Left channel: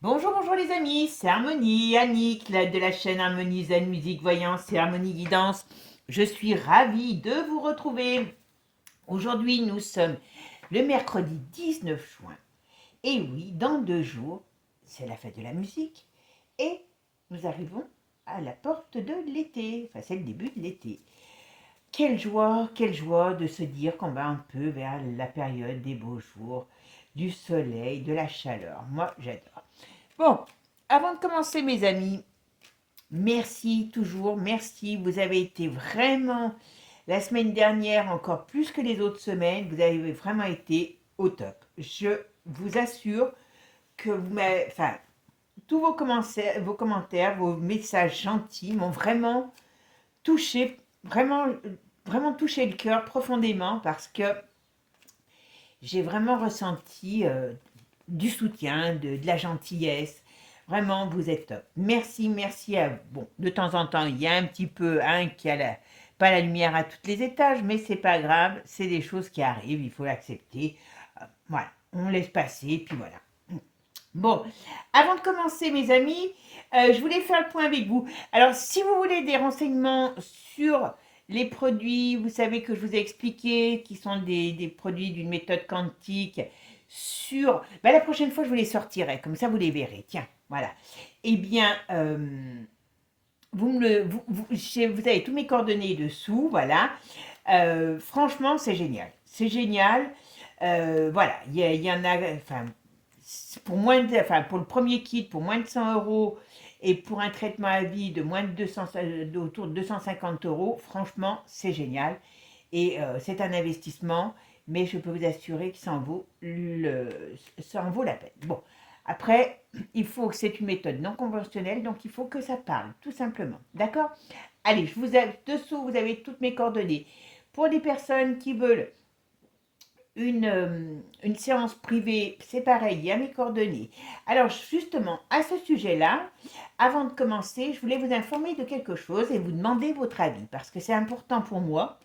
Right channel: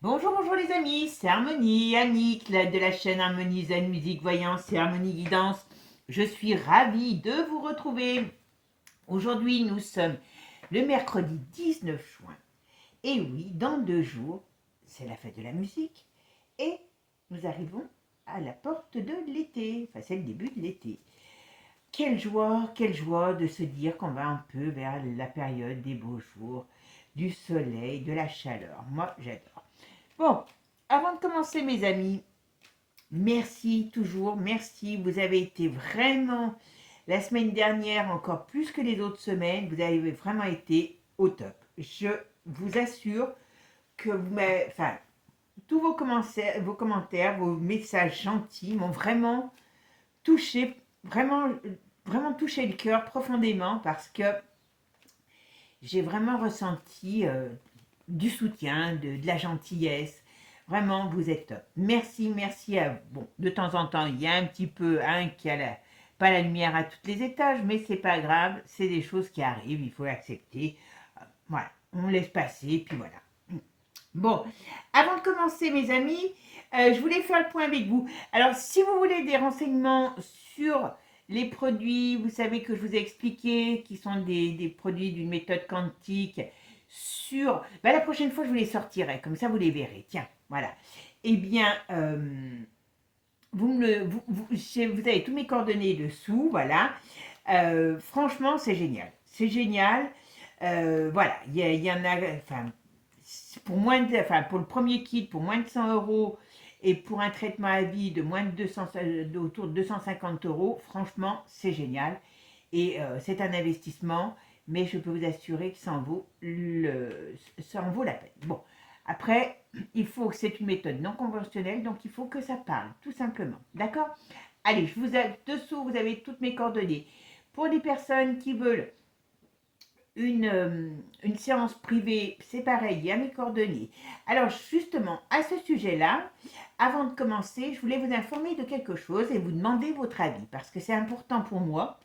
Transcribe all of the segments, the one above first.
Bonjour, bonjour les amis, c'est Harmonie, Annick de la chaîne Harmonie Zen Musique Voyance et Harmonie Guidance. Je suis ravie de vous retrouver. Aujourd'hui, nous sommes le mercredi 19 juin. Et oui, dans 2 jours, c'est la fête de la musique. Et nous arrivons à la porte de l'été. Enfin, c'est le début de l'été. Quelle joie de se dire qu'on va un peu vers la période des beaux jours, du soleil, de la chaleur. Moi, j'adore. Bon, avant de commencer, mes amis, merci toujours, merci. Vous avez été vraiment, la semaine dernière, encore plus que les autres semaines, vous avez vraiment été au top. Je vous assure que vous m'avez, enfin, tous vos commentaires, vos messages gentils m'ont vraiment touché, vraiment, vraiment touché le cœur profondément parce que j'ai vraiment ressenti du soutien, de la gentillesse. Vraiment, vous êtes top. Merci, merci à vous. Bon, de temps en temps, il y a un petit peu un qui a pas la lumière à tous les étages, mais c'est pas grave, c'est des choses qui arrivent, il faut l'accepter. Voilà, on laisse passer, puis voilà. Bon, avant de commencer, mes amis, je voulais faire le point avec vous. Alors, si vous voulez des renseignements sur les produits, vous savez que je vous ai expliqué, qui sont des produits d'une méthode quantique, la prochaine fois, je vous les sortirai, comme ça, vous les verrez. Tiens, voilà. Eh bien, vous avez tous mes coordonnées dessous, voilà. Franchement, c'est génial. C'est génial. Voilà, il y en a, enfin, pour le premier kit, pour moins de 100 euros, et pour un traitement à vie de moins de 200, autour de 250 euros, franchement, c'est génial. Et c'est un investissement, mais je peux vous assurer que ça en vaut la peine. Bon, après, il faut que c'est une méthode non conventionnelle, donc il faut que ça parle, tout simplement. D'accord? Allez, dessous, vous avez toutes mes coordonnées. Pour les personnes qui veulent une séance privée, c'est pareil, il y a mes coordonnées. Alors justement, à ce sujet-là, avant de commencer, je voulais vous informer de quelque chose et vous demander votre avis, parce que c'est important pour moi.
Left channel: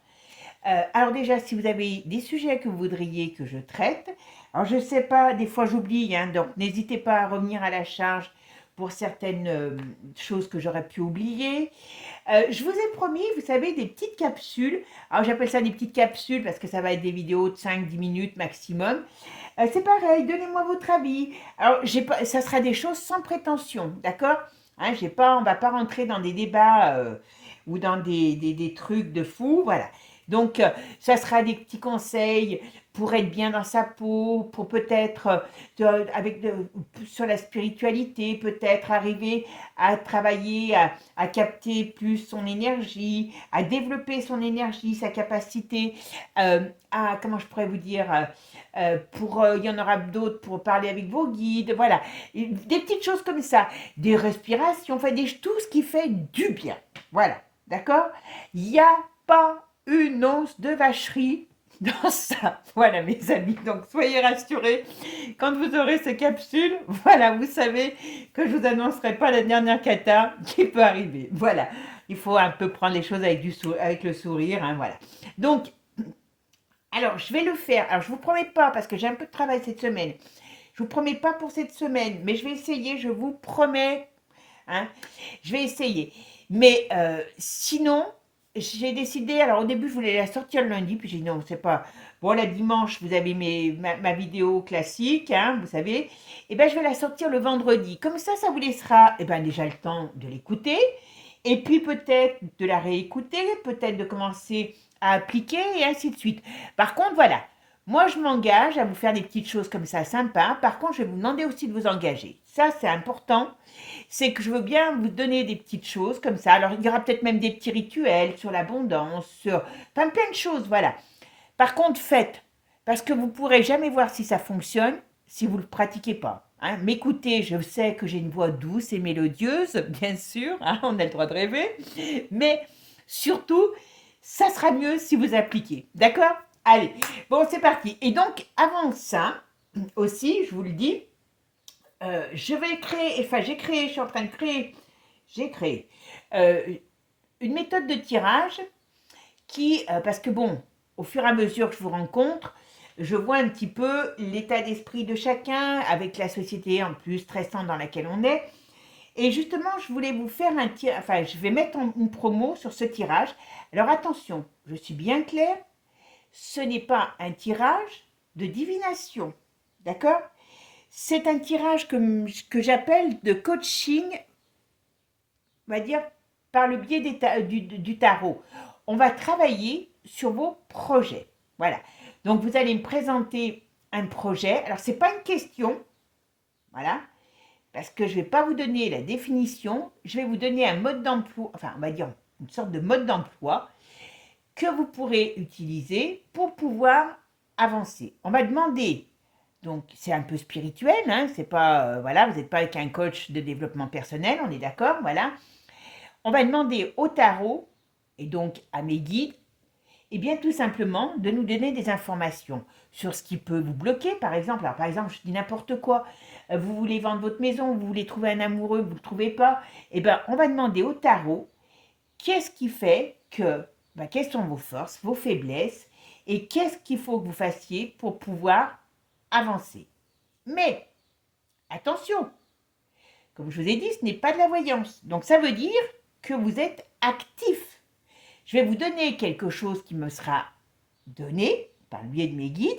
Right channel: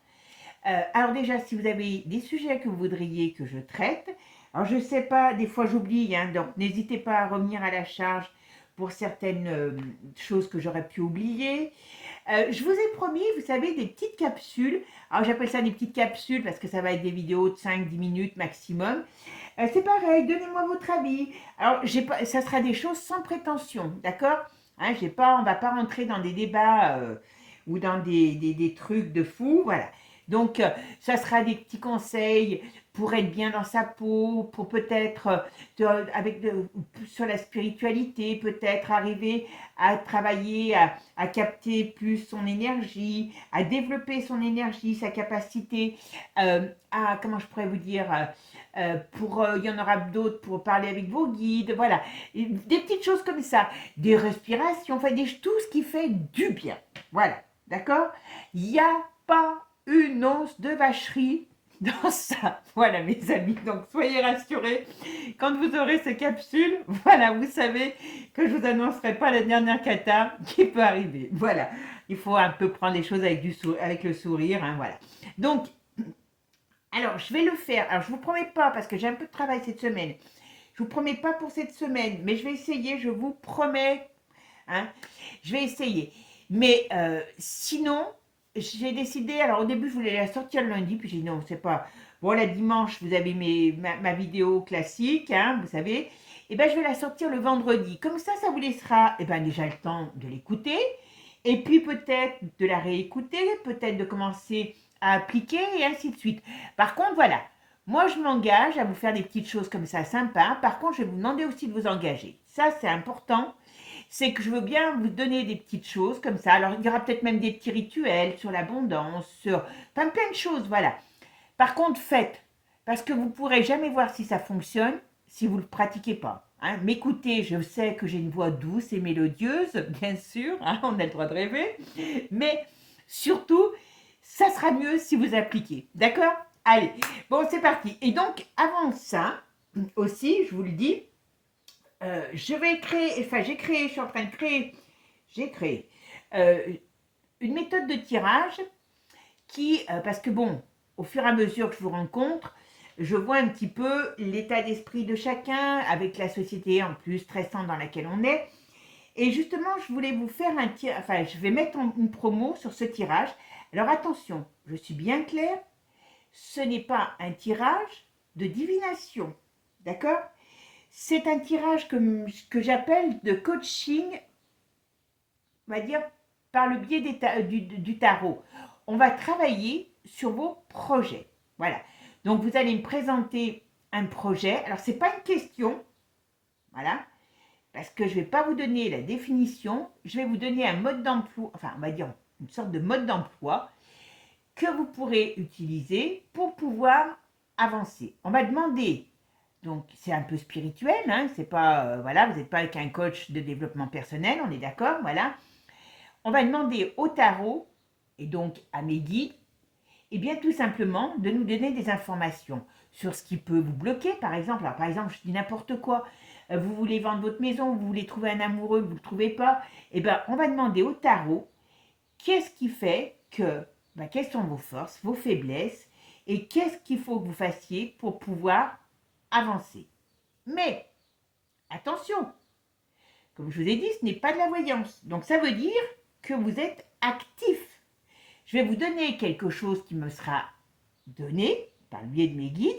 Alors déjà, si vous avez des sujets que vous voudriez que je traite, alors je ne sais pas, des fois j'oublie, hein, donc n'hésitez pas à revenir à la charge pour certaines choses que j'aurais pu oublier. Je vous ai promis, vous savez, des petites capsules. Alors j'appelle ça des petites capsules parce que ça va être des vidéos de 5-10 minutes maximum. C'est pareil, donnez-moi votre avis. Alors ça sera des choses sans prétention, d'accord? Hein, on ne va pas rentrer dans des débats ou dans des trucs de fou, voilà. Donc, ça sera des petits conseils pour être bien dans sa peau, pour peut-être, sur la spiritualité, peut-être arriver à travailler, à capter plus son énergie, à développer son énergie, sa capacité comment je pourrais vous dire, il y en aura d'autres pour parler avec vos guides, voilà. Des petites choses comme ça, des respirations, enfin tout ce qui fait du bien. Voilà, d'accord? Il n'y a pas une once de vacherie dans ça. Voilà, mes amis. Donc, soyez rassurés. Quand vous aurez ces capsules, voilà, vous savez que je vous annoncerai pas la dernière cata qui peut arriver. Voilà. Il faut un peu prendre les choses avec le sourire, hein, voilà. Donc, alors, je vais le faire. Alors, je vous promets pas, parce que j'ai un peu de travail cette semaine. Je vous promets pas pour cette semaine, mais je vais essayer, je vous promets. Hein, je vais essayer. Mais sinon, j'ai décidé, alors au début, je voulais la sortir le lundi, puis j'ai dit non, c'est pas. Bon, la dimanche, vous avez ma vidéo classique, hein, vous savez. Et bien, je vais la sortir le vendredi. Comme ça vous laissera déjà le temps de l'écouter, et puis peut-être de la réécouter, peut-être de commencer à appliquer, et ainsi de suite. Par contre, voilà, moi, je m'engage à vous faire des petites choses comme ça sympas. Par contre, je vais vous demander aussi de vous engager. Ça, c'est important. C'est que je veux bien vous donner des petites choses comme ça. Alors, il y aura peut-être même des petits rituels sur l'abondance, sur plein de choses, voilà. Par contre, faites, parce que vous ne pourrez jamais voir si ça fonctionne si vous ne le pratiquez pas. Hein. M'écoutez, je sais que j'ai une voix douce et mélodieuse, bien sûr, hein, on a le droit de rêver, mais surtout, ça sera mieux si vous appliquez. D'accord? Allez, bon, c'est parti. Et donc, avant ça, aussi, je vous le dis, je vais créer, enfin j'ai créé, je suis en train de créer, j'ai créé euh, une méthode de tirage parce que bon, au fur et à mesure que je vous rencontre, je vois un petit peu l'état d'esprit de chacun avec la société en plus stressante dans laquelle on est. Et justement, je voulais vous faire un tirage, enfin, je vais mettre une promo sur ce tirage. Alors attention, je suis bien claire, ce n'est pas un tirage de divination, d'accord? C'est un tirage que j'appelle de coaching, on va dire, par le biais du tarot. On va travailler sur vos projets. Voilà. Donc, vous allez me présenter un projet. Alors, ce n'est pas une question, voilà, parce que je ne vais pas vous donner la définition. Je vais vous donner un mode d'emploi, enfin, on va dire une sorte de mode d'emploi que vous pourrez utiliser pour pouvoir avancer. On va demander, donc c'est un peu spirituel, hein, c'est pas, voilà, vous n'êtes pas avec un coach de développement personnel, on est d'accord, voilà. On va demander au tarot, et donc à mes guides, et bien tout simplement de nous donner des informations sur ce qui peut vous bloquer, par exemple. Alors, par exemple, je dis n'importe quoi, vous voulez vendre votre maison, vous voulez trouver un amoureux, vous ne le trouvez pas, et bien on va demander au tarot qu'est-ce qui fait que, quelles sont vos forces, vos faiblesses, et qu'est-ce qu'il faut que vous fassiez pour pouvoir avancer. Mais, attention, comme je vous ai dit, ce n'est pas de la voyance. Donc ça veut dire que vous êtes actif. Je vais vous donner quelque chose qui me sera donné par le biais de mes guides,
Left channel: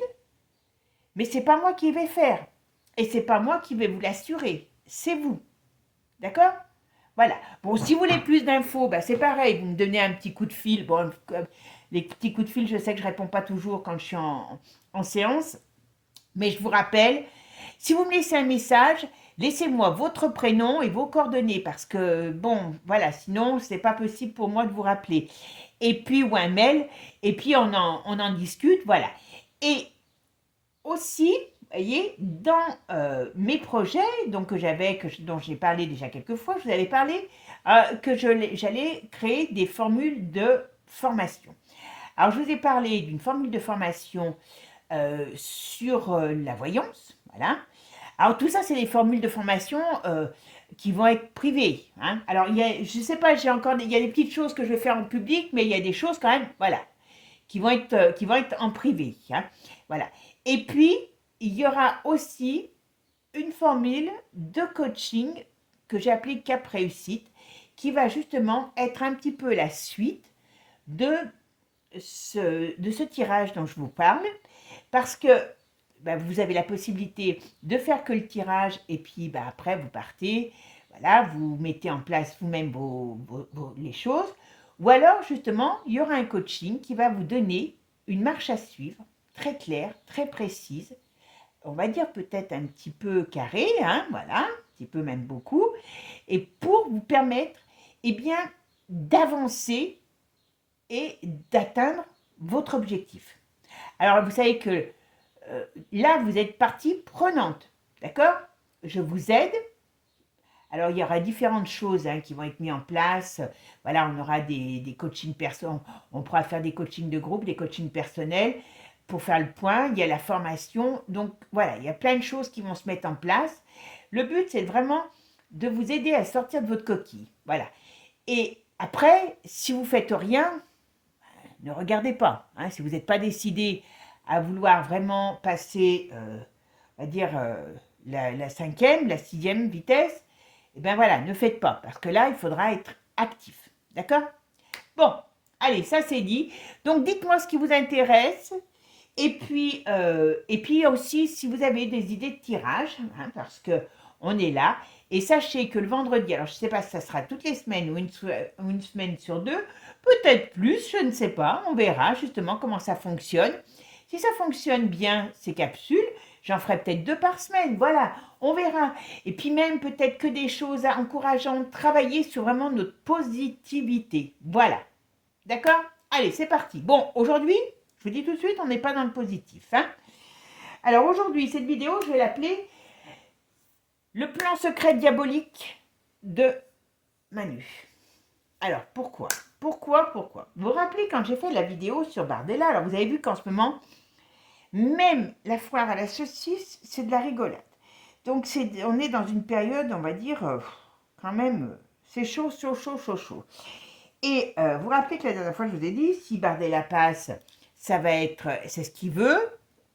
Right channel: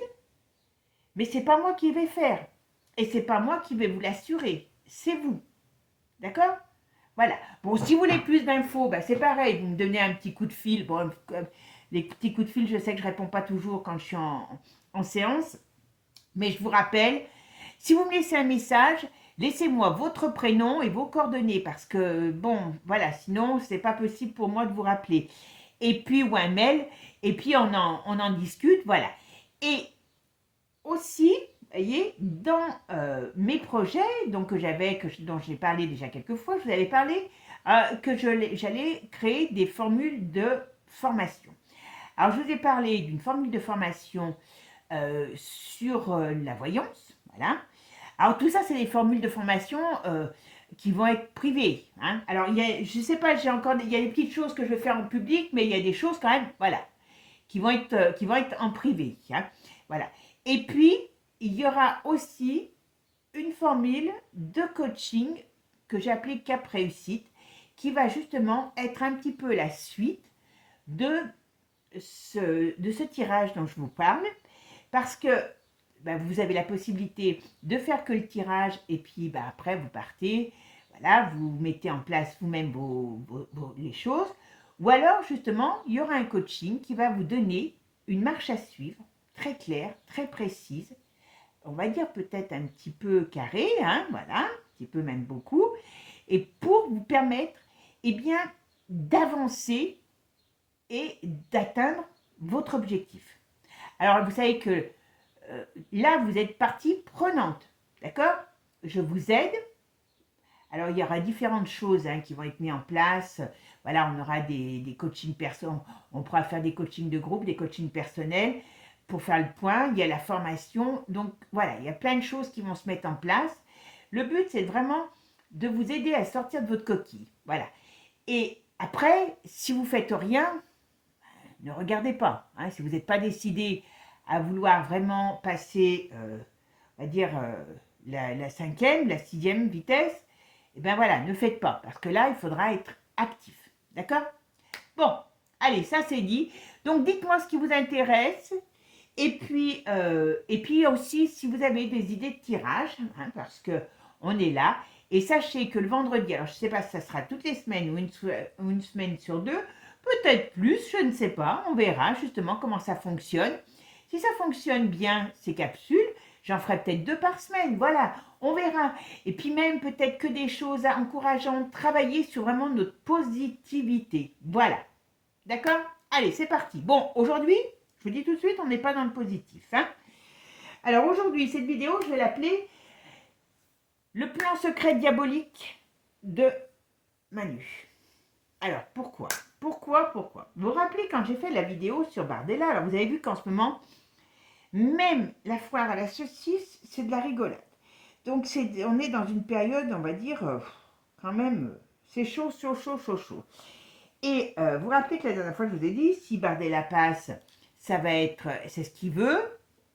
mais ce n'est pas moi qui vais faire. Et ce n'est pas moi qui vais vous l'assurer. C'est vous. D'accord? Voilà. Bon, si vous voulez plus d'infos, c'est pareil, vous me donnez un petit coup de fil. Bon, les petits coups de fil, je sais que je ne réponds pas toujours quand je suis en séance, mais je vous rappelle, si vous me laissez un message, laissez-moi votre prénom et vos coordonnées, parce que, bon, voilà, sinon, ce n'est pas possible pour moi de vous rappeler. Et puis, ou un mail, et puis on en discute, voilà. Et aussi, vous voyez, dans mes projets, donc dont j'ai parlé déjà quelques fois, je vous avais parlé que j'allais créer des formules de formation. Alors, je vous ai parlé d'une formule de formation sur la voyance, voilà. Alors, tout ça, c'est des formules de formation qui vont être privées, hein. Alors, je ne sais pas, il y a des petites choses que je vais faire en public, mais il y a des choses quand même, voilà, qui vont être en privé, hein, voilà. Et puis, il y aura aussi une formule de coaching que j'ai appelée Cap Réussite, qui va justement être un petit peu la suite de ce tirage dont je vous parle, parce que vous avez la possibilité de faire que le tirage, et puis après vous partez, voilà, vous mettez en place vous-même les choses, ou alors justement, il y aura un coaching qui va vous donner une marche à suivre, très claire, très précise, on va dire peut-être un petit peu carré, hein, voilà, un petit peu même beaucoup, et pour vous permettre, eh bien, d'avancer et d'atteindre votre objectif. Alors, vous savez que là, vous êtes partie prenante, d'accord? Je vous aide. Alors, il y aura différentes choses qui vont être mises en place. Voilà, on aura des coachings personnels, on pourra faire des coachings de groupe, des coachings personnels pour faire le point. Il y a la formation. Donc, voilà, il y a plein de choses qui vont se mettre en place. Le but, c'est vraiment de vous aider à sortir de votre coquille. Voilà. Et après, si vous ne faites rien, ne regardez pas. Hein, si vous n'êtes pas décidé à vouloir vraiment passer, on va dire, la cinquième, la sixième vitesse, et bien voilà, ne faites pas, parce que là, il faudra être actif. D'accord? Bon, allez, ça c'est dit. Donc, dites-moi ce qui vous intéresse. Et puis aussi, si vous avez des idées de tirage, hein, parce qu'on est là. Et sachez que le vendredi, alors je ne sais pas si ça sera toutes les semaines ou une semaine sur deux, peut-être plus, je ne sais pas. On verra justement comment ça fonctionne. Si ça fonctionne bien, ces capsules, j'en ferai peut-être 2 par semaine. Voilà, on verra. Et puis même peut-être que des choses encourageantes, travailler sur vraiment notre positivité. Voilà. D'accord? Allez, c'est parti. Bon, aujourd'hui, je vous dis tout de suite, on n'est pas dans le positif, hein. Alors aujourd'hui, cette vidéo, je vais l'appeler le plan secret diabolique de Manu. Alors, pourquoi? Pourquoi? Vous vous rappelez quand j'ai fait la vidéo sur Bardella, alors vous avez vu qu'en ce moment, même la foire à la saucisse, c'est de la rigolade. Donc, on est dans une période, on va dire, quand même, c'est chaud. Et vous vous rappelez que la dernière fois, je vous ai dit, si Bardella passe, c'est ce qu'il veut.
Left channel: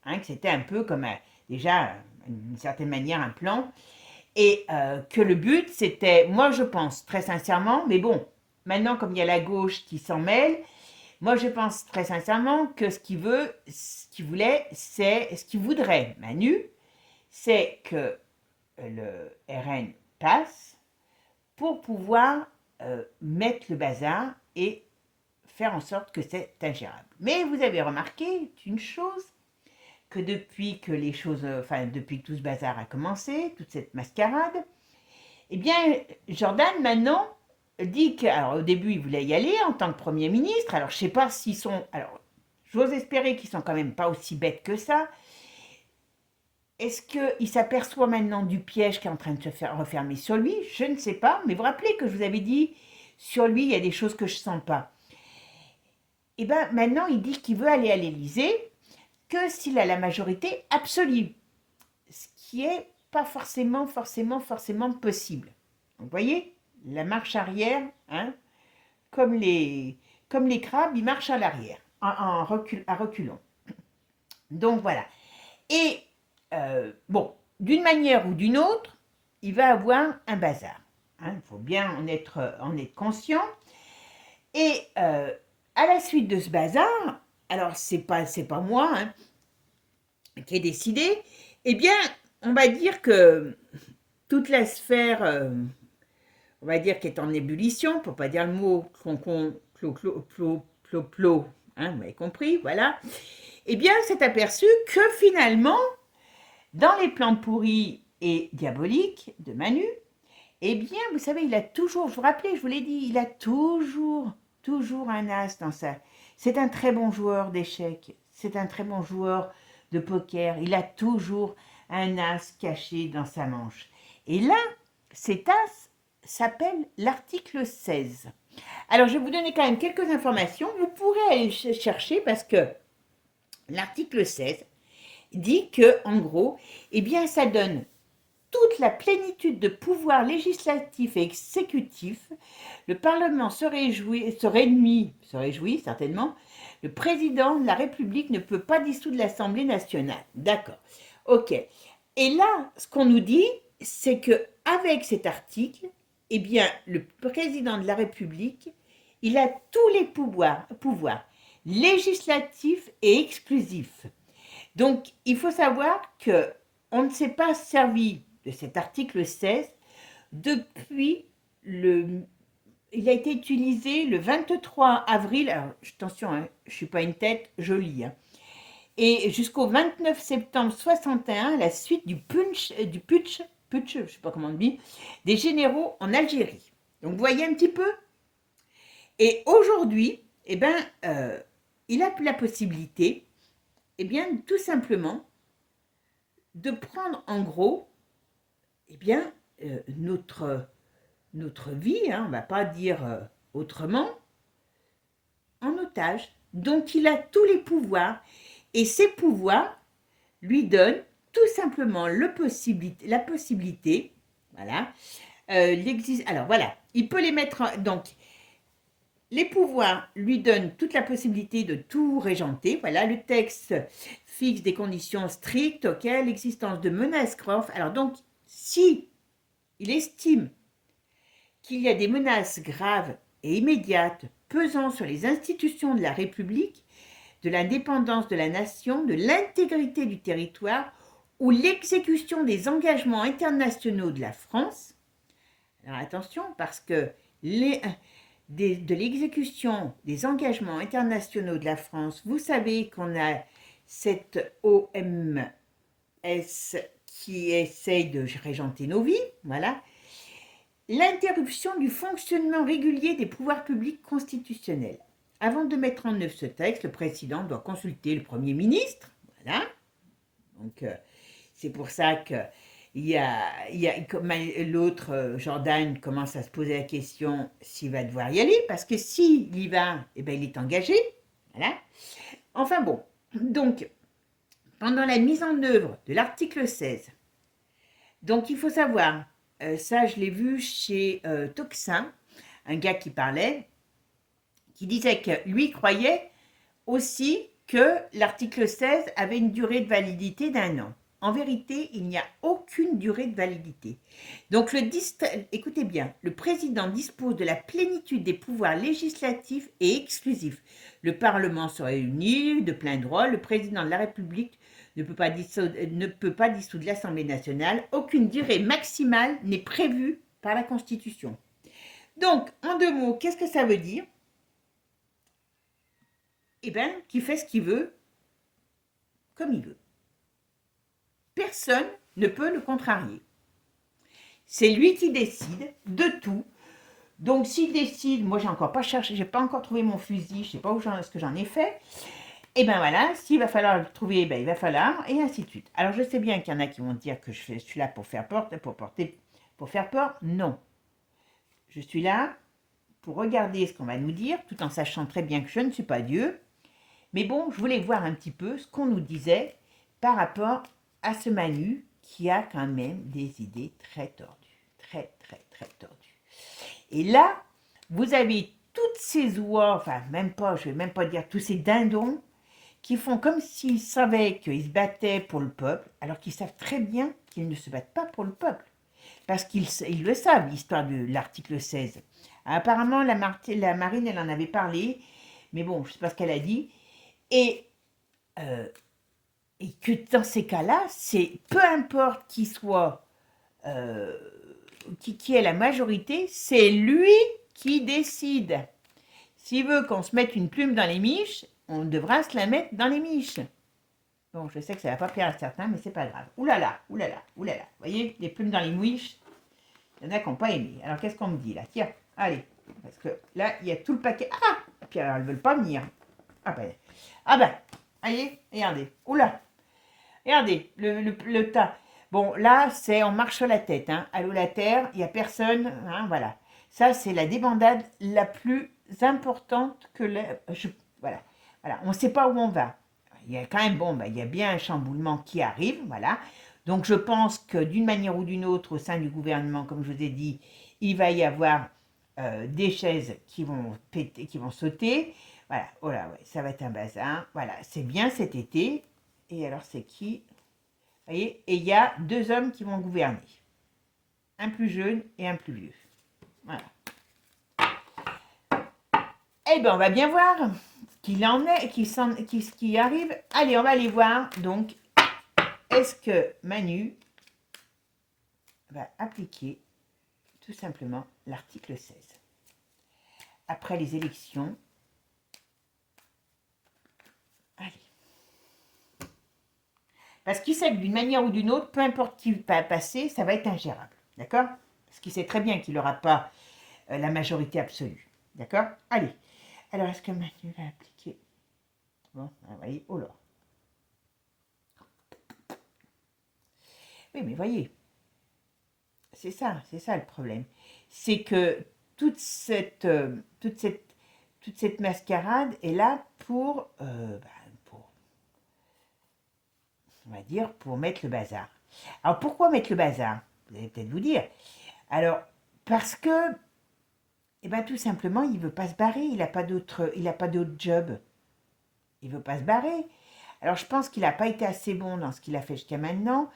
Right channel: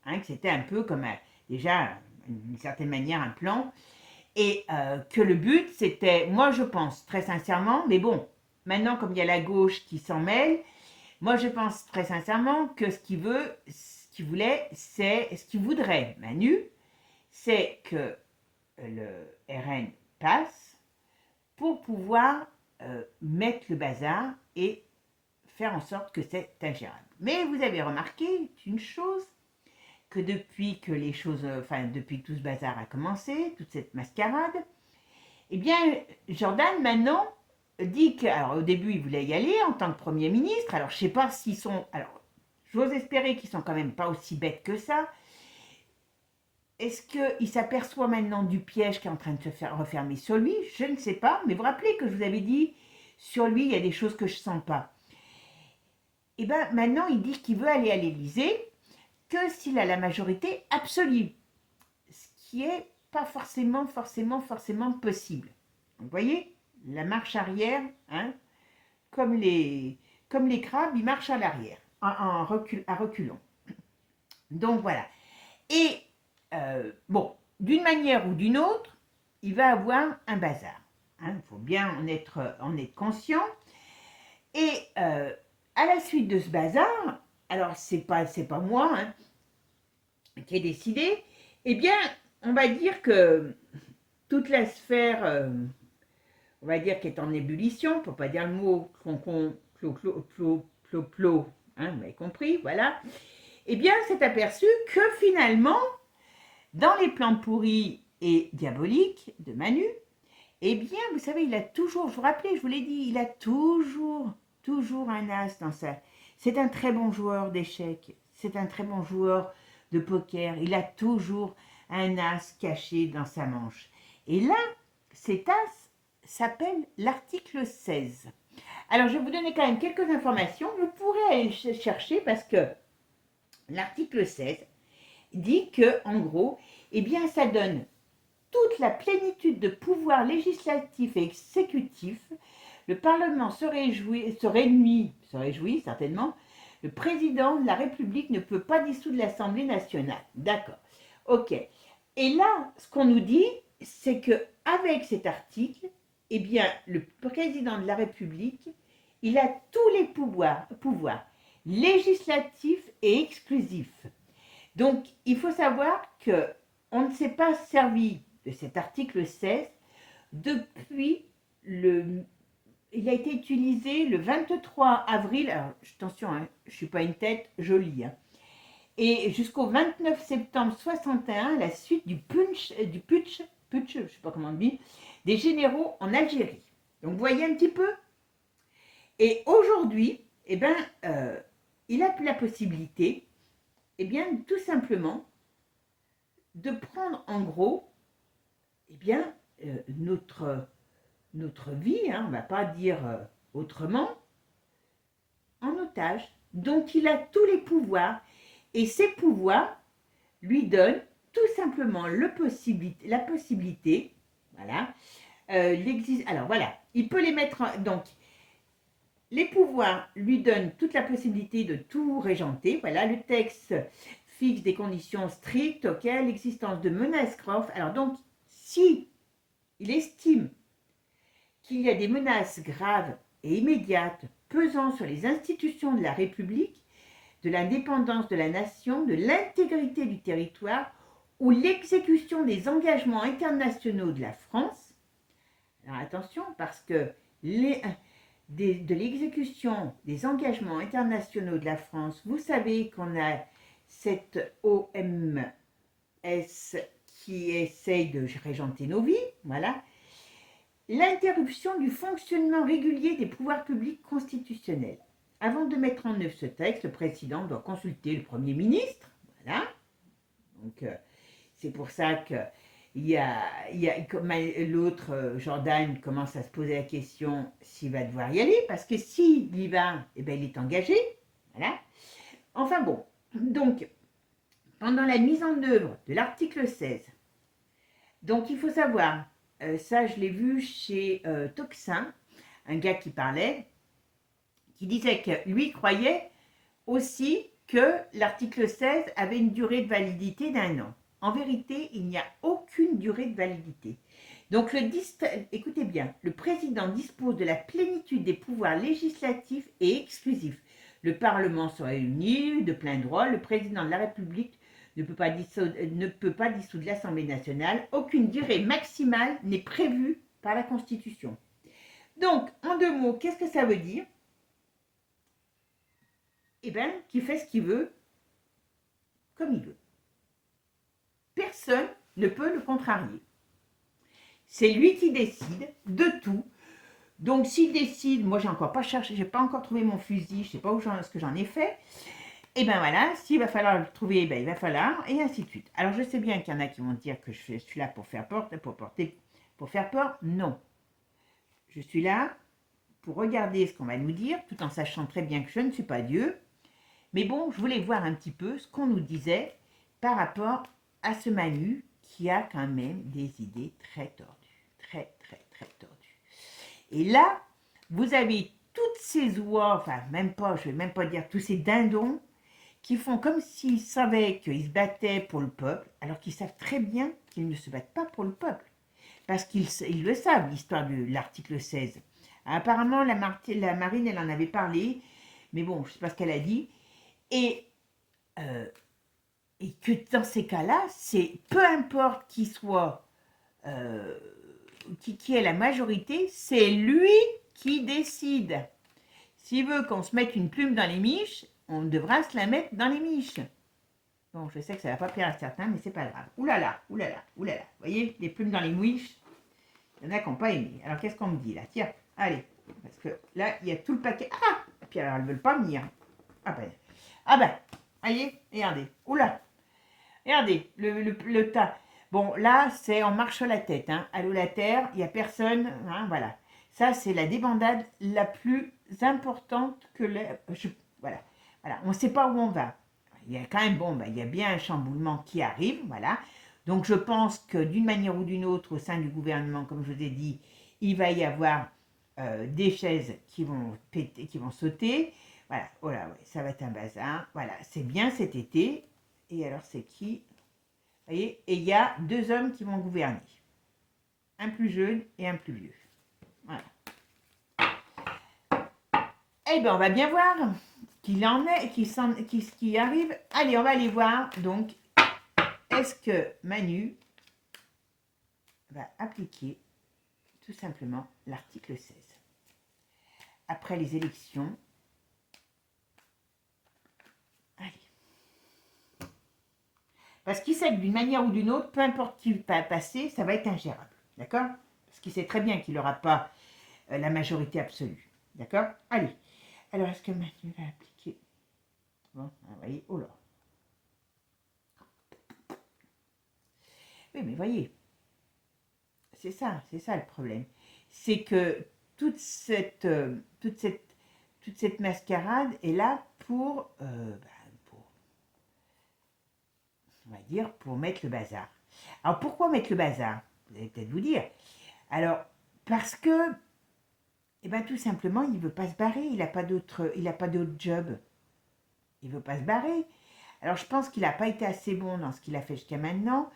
hein, que c'était un peu comme déjà, d'une certaine manière, un plan, et que le but, c'était, moi je pense très sincèrement, mais bon, maintenant comme il y a la gauche qui s'en mêle, moi je pense très sincèrement que ce qu'il voulait, c'est, ce qu'il voudrait, Manu, c'est que le RN passe pour pouvoir mettre le bazar et faire en sorte que c'est ingérable. Mais vous avez remarqué une chose, que depuis que les choses, enfin depuis que tout ce bazar a commencé, toute cette mascarade, eh bien Jordan maintenant dit que, alors au début il voulait y aller en tant que Premier ministre, alors je ne sais pas s'ils sont, alors j'ose espérer qu'ils sont quand même pas aussi bêtes que ça. Est-ce qu'il s'aperçoit maintenant du piège qui est en train de se faire refermer sur lui? Je ne sais pas, mais vous vous rappelez que je vous avais dit, sur lui, il y a des choses que je ne sens pas. Et bien maintenant, il dit qu'il veut aller à l'Élysée que s'il a la majorité absolue, ce qui n'est pas forcément possible. Donc, vous voyez, la marche arrière, hein, comme les crabes, ils marchent à l'arrière, à reculons. Donc voilà. Et bon, d'une manière ou d'une autre, il va avoir un bazar. Hein, il faut bien en être conscient. Et à la suite de ce bazar, alors c'est pas moi hein, qui ai décidé, eh bien, on va dire que toute la sphère, on va dire, qui est en ébullition, pour pas dire le mot plo, hein, vous m'avez compris, voilà, eh bien, s'est aperçu que finalement, dans les plans pourris et diaboliques de Manu, eh bien, vous savez, il a toujours, je vous rappelais, je vous l'ai dit, il a toujours un as dans ça. C'est un très bon joueur d'échecs, c'est un très bon joueur de poker, il a toujours un as caché dans sa manche. Et là, cet as s'appelle l'article 16. Alors, je vais vous donner quand même quelques informations, vous pourrez aller chercher parce que l'article 16 dit que, en gros, eh bien, ça donne toute la plénitude de pouvoirs législatifs et exécutifs. Le Parlement se réjouit certainement. Le président de la République ne peut pas dissoudre l'Assemblée nationale. D'accord. Ok. Et là, ce qu'on nous dit, c'est que avec cet article, eh bien, le président de la République, il a tous les pouvoirs législatifs et exclusifs. Donc, il faut savoir que on ne s'est pas servi de cet article 16 depuis le... Il a été utilisé le 23 avril, alors, attention, hein, je ne suis pas une tête, je lis, hein, et jusqu'au 29 septembre 61, la suite du putsch, je ne sais pas comment on dit, des généraux en Algérie. Donc, vous voyez un petit peu. Et aujourd'hui, eh ben, il a la possibilité, eh bien, tout simplement, de prendre en gros, eh bien, notre vie, hein, on ne va pas dire autrement, en otage. Donc il a tous les pouvoirs et ces pouvoirs lui donnent tout simplement la possibilité, voilà, alors voilà, il peut les mettre, donc les pouvoirs lui donnent toute la possibilité de tout régenter, voilà, le texte fixe des conditions strictes auxquelles l'existence de menaces graves, alors donc si il estime qu'il y a des menaces graves et immédiates pesant sur les institutions de la République, de l'indépendance de la nation, de l'intégrité du territoire ou l'exécution des engagements internationaux de la France. Alors attention, parce que de l'exécution des engagements internationaux de la France, vous savez qu'on a cette OMS qui essaye de régenter nos vies, voilà. L'interruption du fonctionnement régulier des pouvoirs publics constitutionnels. Avant de mettre en œuvre ce texte, le président doit consulter le Premier ministre. Voilà. Donc, c'est pour ça que l'autre, Jordan, commence à se poser la question s'il va devoir y aller, parce que s'il y va, eh ben, il est engagé. Voilà. Enfin bon, donc, pendant la mise en œuvre de l'article 16, donc il faut savoir, ça je l'ai vu chez Toxin, un gars qui parlait, qui disait que lui croyait aussi que l'article 16 avait une durée de validité d'1 an. En vérité, il n'y a aucune durée de validité. Donc, écoutez bien, le président dispose de la plénitude des pouvoirs législatifs et exclusifs. Le Parlement se réunit de plein droit. Le président de la République ne peut pas dissoudre l'Assemblée nationale. Aucune durée maximale n'est prévue par la Constitution. Donc, en 2 mots, qu'est-ce que ça veut dire? Eh bien, qu'il fait ce qu'il veut, comme il veut. Personne ne peut le contrarier. C'est lui qui décide de tout. Donc, s'il décide, moi, j'ai encore pas cherché, j'ai pas encore trouvé mon fusil, je sais pas ce que j'en ai fait. Et ben voilà, s'il va falloir le trouver, ben il va falloir, et ainsi de suite. Alors, je sais bien qu'il y en a qui vont dire que je suis là pour faire peur, pour faire peur. Non. Je suis là pour regarder ce qu'on va nous dire, tout en sachant très bien que je ne suis pas Dieu. Mais bon, je voulais voir un petit peu ce qu'on nous disait par rapport à ce Manu qui a quand même des idées très tordues. Très, très, très tordues. Et là, vous avez toutes ces oies, enfin, même pas, je ne vais même pas dire tous ces dindons, qui font comme s'ils savaient qu'ils se battaient pour le peuple, alors qu'ils savent très bien qu'ils ne se battent pas pour le peuple. Parce qu'ils le savent, l'histoire de l'article 16. Apparemment, la marine, elle en avait parlé, mais bon, je ne sais pas ce qu'elle a dit. Et que dans ces cas-là, c'est peu importe qui soit, qui est la majorité, c'est lui qui décide. S'il veut qu'on se mette une plume dans les miches, on devra se la mettre dans les miches. Bon, je sais que ça ne va pas plaire à certains, mais c'est pas grave. Oulala, oulala, oulala. Vous voyez, les plumes dans les miches, il y en a qui n'ont pas aimé. Alors, qu'est-ce qu'on me dit là? Tiens, allez. Parce que là, il y a tout le paquet. Ah! Puis alors, elles ne veulent pas venir. Ah ben, voyez, regardez. Oula. Regardez, le tas. Bon, là, c'est on marche sur la tête. Hein. Allô, la terre, il n'y a personne. Hein, voilà. Ça, c'est la débandade la plus importante que voilà. Voilà. On ne sait pas où on va. Il y a quand même, bon, il y a bien un chamboulement qui arrive. Voilà. Donc, je pense que d'une manière ou d'une autre, au sein du gouvernement, comme je vous ai dit, il va y avoir des chaises qui vont péter, qui vont sauter. Voilà. Oh là, ouais, ça va être un bazar. Voilà. C'est bien cet été. Et alors, c'est qui? Vous voyez? Et il y a 2 hommes qui vont gouverner. Un plus jeune et un plus vieux. Voilà. Eh bien, on va bien voir ce qu'il en est, ce qui arrive. Allez, on va aller voir. Donc, est-ce que Manu va appliquer tout simplement l'article 16 après les élections? Allez. Parce qu'il sait que d'une manière ou d'une autre, peu importe qui va passer, ça va être ingérable. D'accord? Parce qu'il sait très bien qu'il n'aura pas la majorité absolue. D'accord? Allez. Alors, est-ce que Manu va appliquer? Bon, vous voyez, oh là. Oui, mais voyez, c'est ça le problème. C'est que toute cette mascarade est là pour, on va dire, pour mettre le bazar. Alors, pourquoi mettre le bazar? Vous allez peut-être vous dire. Alors, parce que, eh bien, tout simplement, il ne veut pas se barrer. Il n'a pas d'autre job. Il ne veut pas se barrer. Alors, je pense qu'il n'a pas été assez bon dans ce qu'il a fait jusqu'à maintenant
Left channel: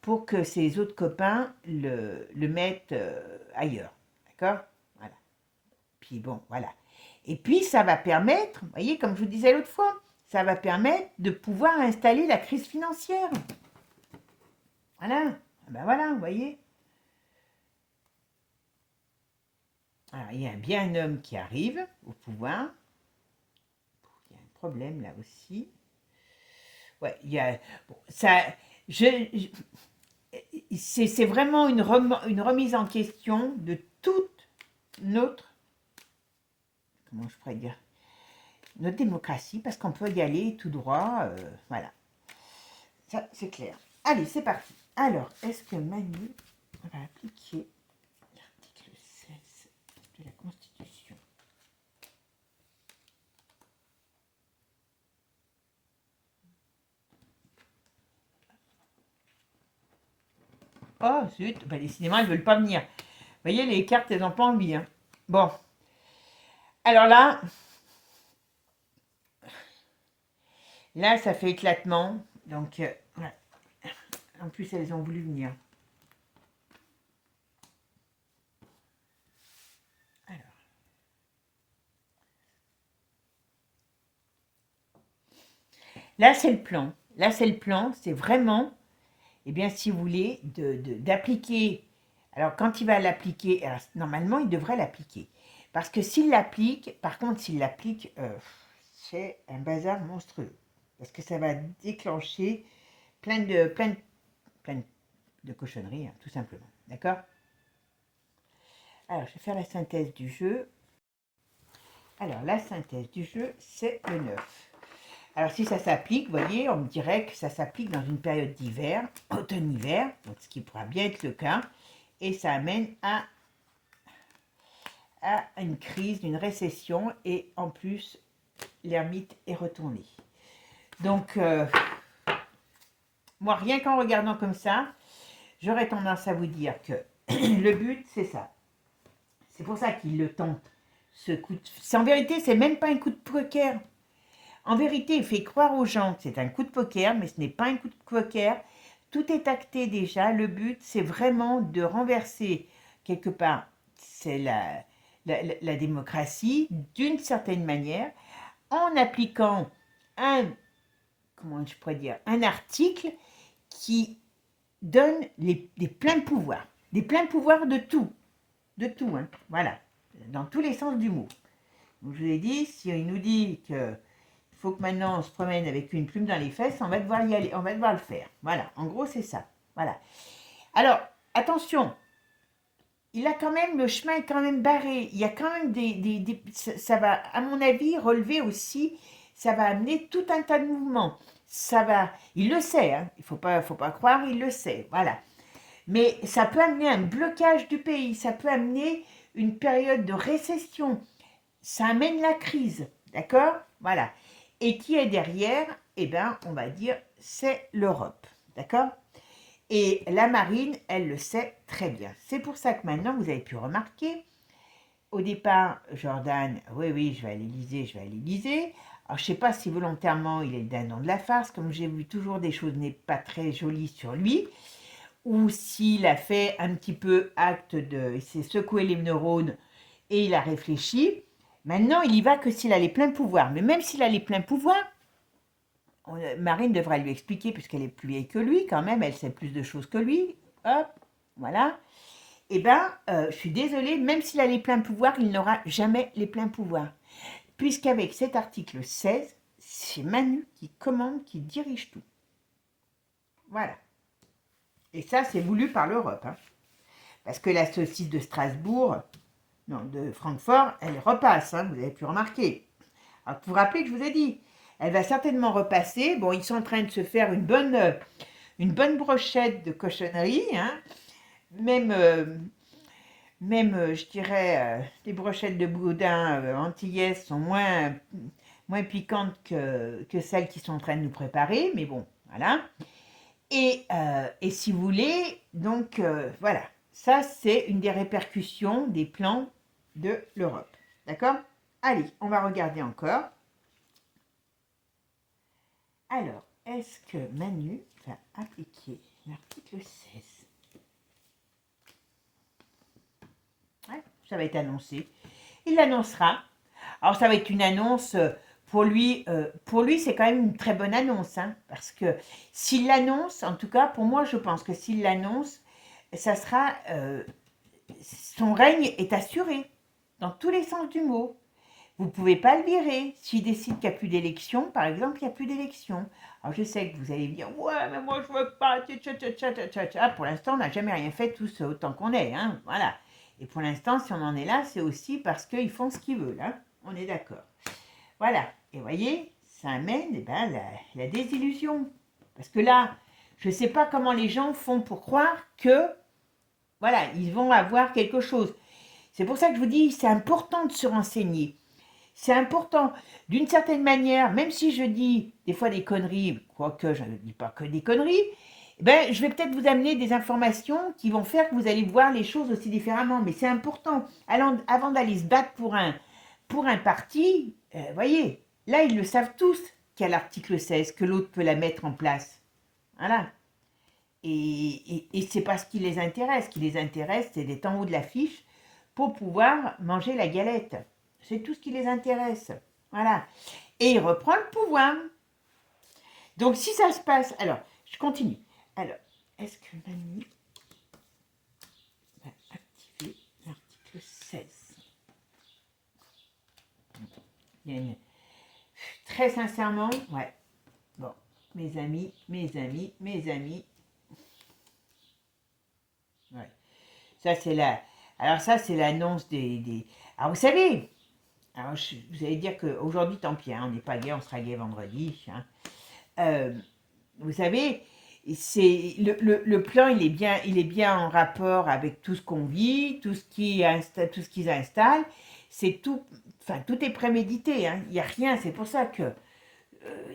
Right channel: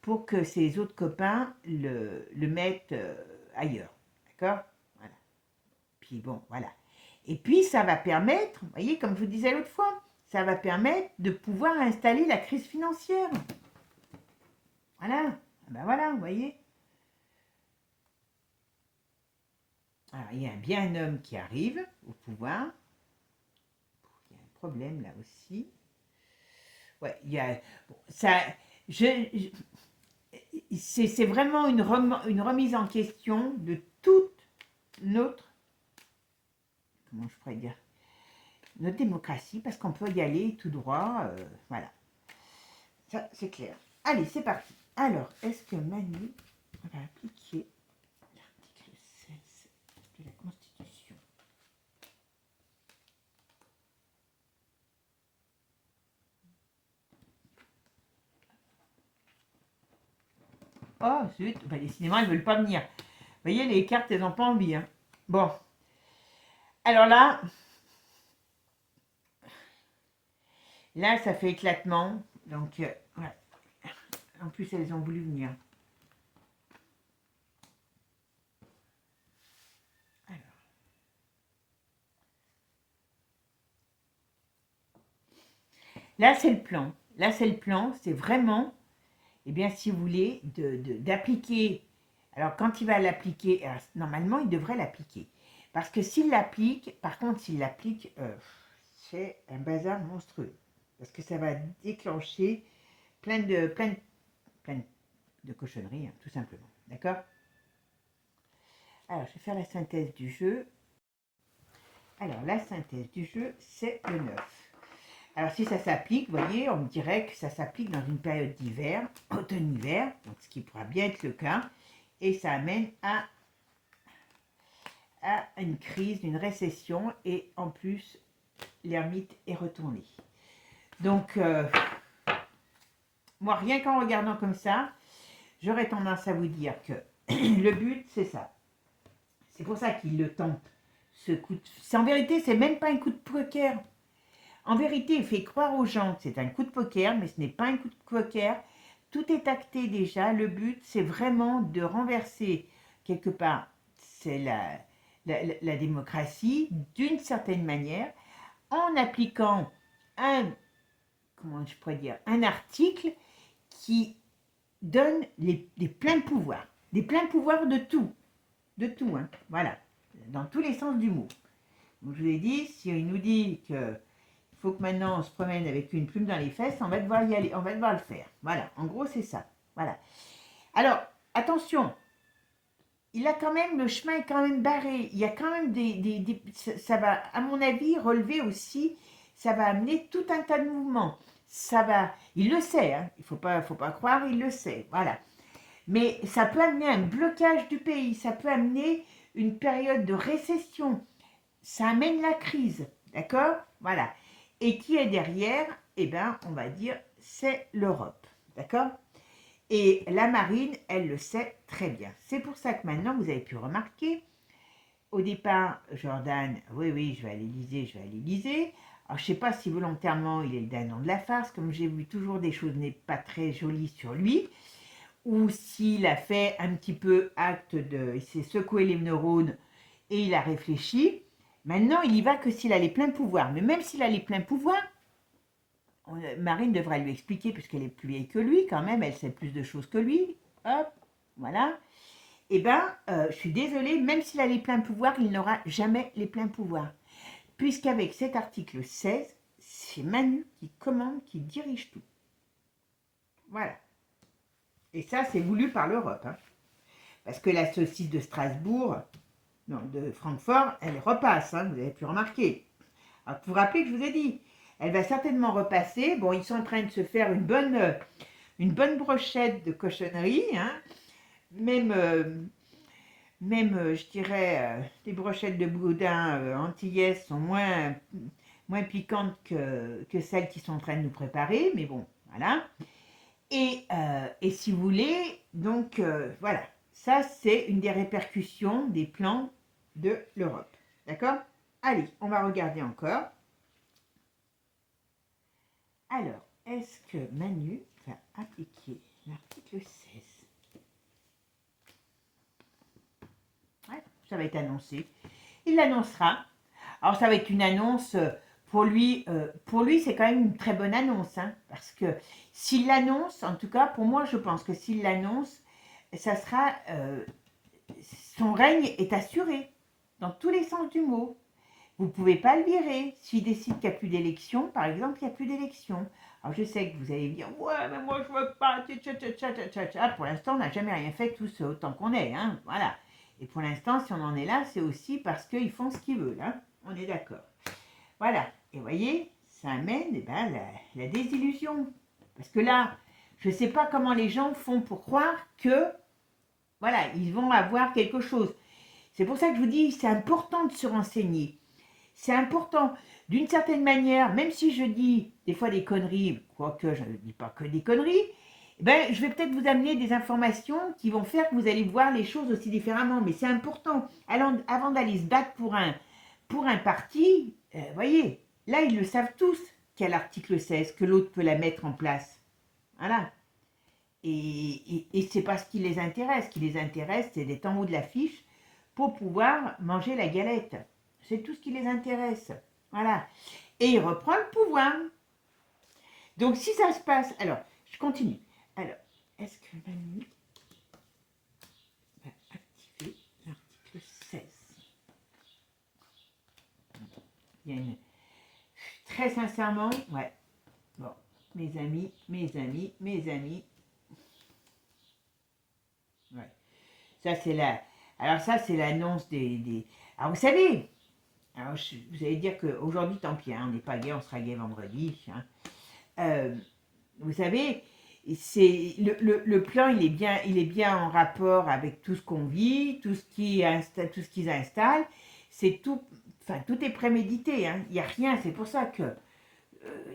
pour que ses autres copains le mettent ailleurs. D'accord? Voilà. Puis bon, voilà. Et puis, ça va permettre, vous voyez, comme je vous disais l'autre fois, ça va permettre de pouvoir installer la crise financière. Voilà. Ben voilà, vous voyez. Alors, il y a bien un homme qui arrive au pouvoir. Il y a un problème là aussi. Ouais, il y a... Bon, ça... c'est vraiment une remise en question de toute notre... Comment je pourrais dire? Notre démocratie, parce qu'on peut y aller tout droit. Voilà. Ça, c'est clair. Allez, c'est parti. Alors, est-ce que Manu va appliquer l'article 16 de la Constitution? Oh, zut, ben, décidément, elles ne veulent pas venir. Vous voyez, les cartes, elles n'ont pas envie. Hein. Bon. Alors là, Là, ça fait éclatement. Donc, ouais. En plus, elles ont voulu venir. Alors. Là, c'est le plan. Là, c'est le plan. C'est vraiment, eh bien, si vous voulez, d'appliquer. Alors, quand il va l'appliquer, normalement, il devrait l'appliquer. Parce que s'il l'applique, par contre, s'il l'applique, c'est un bazar monstrueux. Parce que ça va déclencher plein de cochonneries, hein, tout simplement. D'accord? Alors, je vais faire la synthèse du jeu. Alors, la synthèse du jeu, c'est le 9. Alors, si ça s'applique, vous voyez, on dirait que ça s'applique dans une période d'hiver, automne-hiver, donc ce qui pourra bien être le cas, et ça amène à une crise, une récession, et en plus, l'ermite est retourné. Donc, moi, rien qu'en regardant comme ça, j'aurais tendance à vous dire que le but, c'est ça. C'est pour ça qu'il le tente. Ce coup en vérité, c'est même pas un coup de poker. En vérité, il fait croire aux gens que c'est un coup de poker, mais ce n'est pas un coup de poker. Tout est acté déjà. Le but, c'est vraiment de renverser, quelque part, c'est la démocratie, d'une certaine manière, en appliquant comment je pourrais dire, un article qui donne des pleins pouvoirs. Des pleins pouvoirs de tout. De tout, hein. Voilà. Dans tous les sens du mot. Donc, je vous ai dit, si il nous dit que faut que maintenant on se promène avec une plume dans les fesses, on va devoir y aller, on va devoir le faire. Voilà, en gros c'est ça. Voilà. Alors, attention, il a quand même, le chemin est quand même barré. Il y a quand même ça va, à mon avis, relever aussi, ça va amener tout un tas de mouvements. Ça va, il le sait, hein, il faut pas croire, il le sait. Voilà. Mais ça peut amener un blocage du pays, ça peut amener une période de récession. Ça amène la crise, d'accord? Voilà. Et qui est derrière? Eh bien, on va dire, c'est l'Europe, d'accord? Et la marine, elle le sait très bien. C'est pour ça que maintenant, vous avez pu remarquer, au départ, Jordan, oui, oui, je vais à l'Élysée, je vais à l'Élysée. Alors, je ne sais pas si volontairement il est le dindon de la farce, comme j'ai vu toujours des choses n'est pas très jolies sur lui, ou s'il a fait un petit peu acte de... Il s'est secoué les neurones et il a réfléchi. Maintenant, il y va que s'il a les pleins pouvoirs. Mais même s'il a les pleins pouvoirs, Marine devra lui expliquer, puisqu'elle est plus vieille que lui, quand même, elle sait plus de choses que lui. Hop, voilà. Eh bien, je suis désolée, même s'il a les pleins pouvoirs, il n'aura jamais les pleins pouvoirs. Puisqu'avec cet article 16, c'est Manu qui commande, qui dirige tout. Voilà. Et ça, c'est voulu par l'Europe. Hein. Parce que la saucisse de Strasbourg, non, de Francfort, elle repasse, hein, vous avez pu remarquer. Alors, vous vous rappelez que je vous ai dit, elle va certainement repasser. Bon, ils sont en train de se faire une bonne brochette de cochonneries. Hein. Même, je dirais, les brochettes de boudin antillaises sont moins piquantes que celles qui sont en train de nous préparer. Mais bon, voilà. Et si vous voulez, donc, voilà. Ça, c'est une des répercussions des plans de l'Europe. D'accord? Allez, on va regarder encore. Alors, est-ce que Manu va appliquer l'article 16? Ouais, ça va être annoncé. Il l'annoncera. Alors, ça va être une annonce, pour lui, c'est quand même une très bonne annonce. Hein, parce que s'il l'annonce, en tout cas, pour moi, je pense que s'il l'annonce, ça sera... son règne est assuré, dans tous les sens du mot. Vous ne pouvez pas le virer. S'il décide qu'il n'y a plus d'élection, par exemple, il n'y a plus d'élection. Alors je sais que vous allez dire, ouais, mais moi je ne veux pas. Pour l'instant, on n'a jamais rien fait tous autant qu'on est. Hein, voilà. Et pour l'instant, si on en est là, c'est aussi parce qu'ils font ce qu'ils veulent. Hein, on est d'accord. Voilà. Et vous voyez, ça amène la désillusion. Parce que là, je ne sais pas comment les gens font pour croire que, voilà, ils vont avoir quelque chose. C'est pour ça que je vous dis, c'est important de se renseigner. C'est important. D'une certaine manière, même si je dis des fois des conneries, quoique je ne dis pas que des conneries, ben, je vais peut-être vous amener des informations qui vont faire que vous allez voir les choses aussi différemment. Mais c'est important. Alors, avant d'aller se battre pour un parti, voyez, là, ils le savent tous qu'à l'article 16, que l'autre peut la mettre en place. Voilà. Et c'est pas ce qui les intéresse. Ce qui les intéresse, c'est d'être en haut de la fiche pour pouvoir manger la galette. C'est tout ce qui les intéresse. Voilà. Et il reprend le pouvoir. Donc, si ça se passe... Alors, je continue. Alors, est-ce que Mamie va activer l'article 16? Il y a une... Très sincèrement, ouais. Bon, mes amis. Ouais. Ça, c'est la... Alors, ça, c'est l'annonce des... Alors, vous savez... Alors, vous allez dire qu'aujourd'hui, tant pis, hein, on n'est pas gay, on sera gay vendredi. Hein. Vous savez, c'est le plan, il est bien en rapport avec tout ce qu'on vit, tout ce qu'ils installent. C'est tout, enfin, tout est prémédité. Hein. Il n'y a rien, c'est pour ça que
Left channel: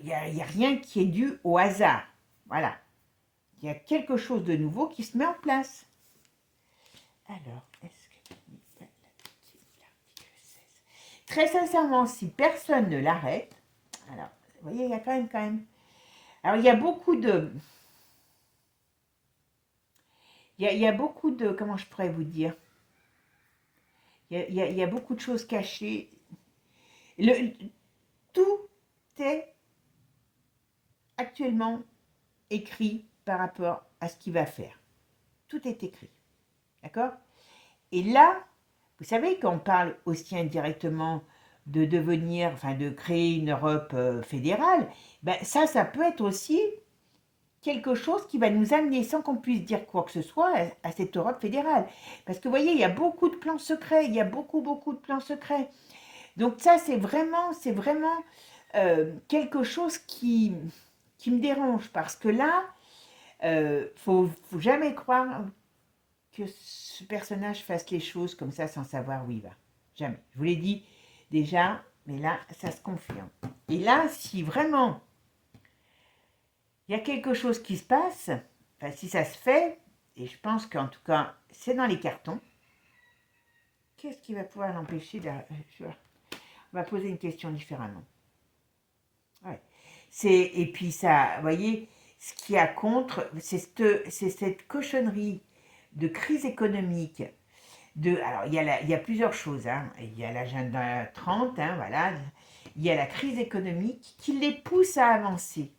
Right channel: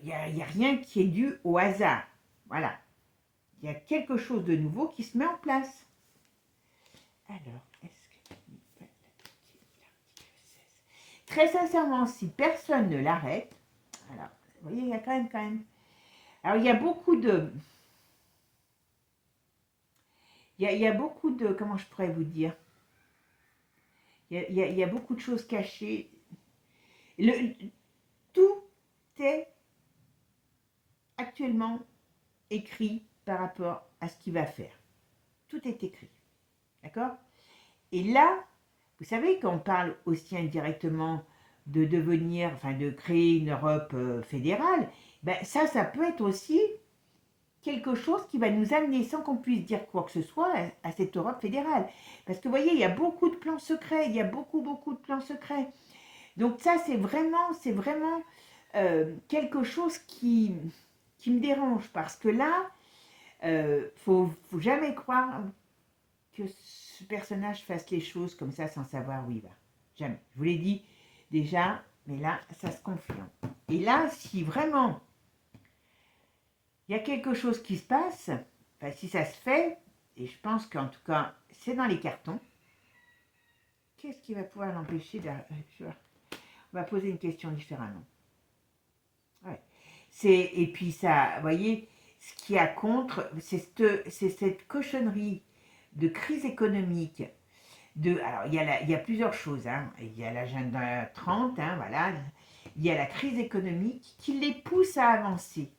il y a rien qui est dû au hasard. Voilà. Il y a quelque chose de nouveau qui se met en place. Alors, est-ce que l'article 16... Très sincèrement, si personne ne l'arrête, alors, vous voyez, il y a quand même. Alors, il y a beaucoup de... Il y a beaucoup de... Comment je pourrais vous dire? Il y a beaucoup de choses cachées. Tout est actuellement écrit par rapport à ce qu'il va faire. Tout est écrit. D'accord? Et là, vous savez, quand on parle aussi indirectement de devenir, enfin de créer une Europe fédérale, ben ça peut être aussi quelque chose qui va nous amener, sans qu'on puisse dire quoi que ce soit, à cette Europe fédérale. Parce que vous voyez, il y a beaucoup de plans secrets, il y a beaucoup de plans secrets. Donc ça, c'est vraiment quelque chose qui me dérange, parce que là, faut jamais croire que ce personnage fasse les choses comme ça sans savoir où il va. Jamais. Je vous l'ai dit déjà, mais là, ça se confirme. Et là, si vraiment il y a quelque chose qui se passe, enfin, si ça se fait, et je pense qu'en tout cas, c'est dans les cartons, qu'est-ce qui va pouvoir l'empêcher de... On va poser une question différemment. Ouais. Et puis ça, vous voyez, ce qu'il y a contre, c'est cette cochonnerie de crise économique. Alors, il y a plusieurs choses. Hein. Il y a l'agenda 30, hein, voilà. Il y a la crise économique qui les pousse à avancer.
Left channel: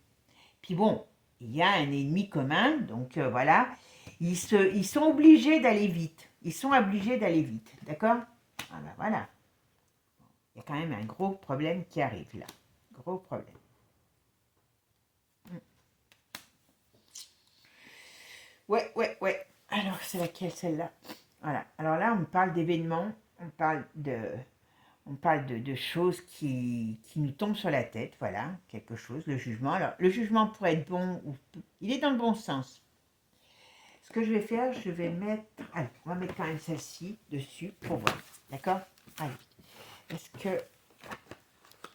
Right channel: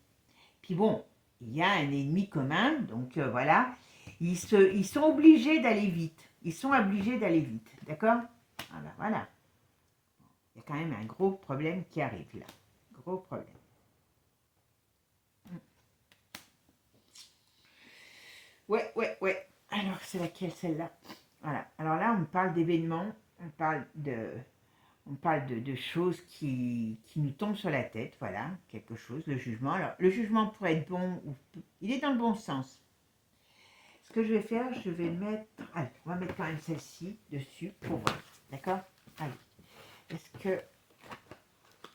Puis bon, il y a un ennemi commun, donc voilà. Ils sont obligés d'aller vite. Ils sont obligés d'aller vite, d'accord? Voilà. Il y a quand même un gros problème qui arrive là. Gros problème. Ouais. Alors, c'est laquelle celle-là? Voilà. Alors là, on parle d'événements, on parle de choses qui nous tombent sur la tête, voilà, quelque chose, le jugement. Alors, le jugement pourrait être bon, il est dans le bon sens. Ce que je vais faire, je vais mettre, allez, on va mettre quand même celle-ci dessus pour voir, d'accord? Allez, est-ce que,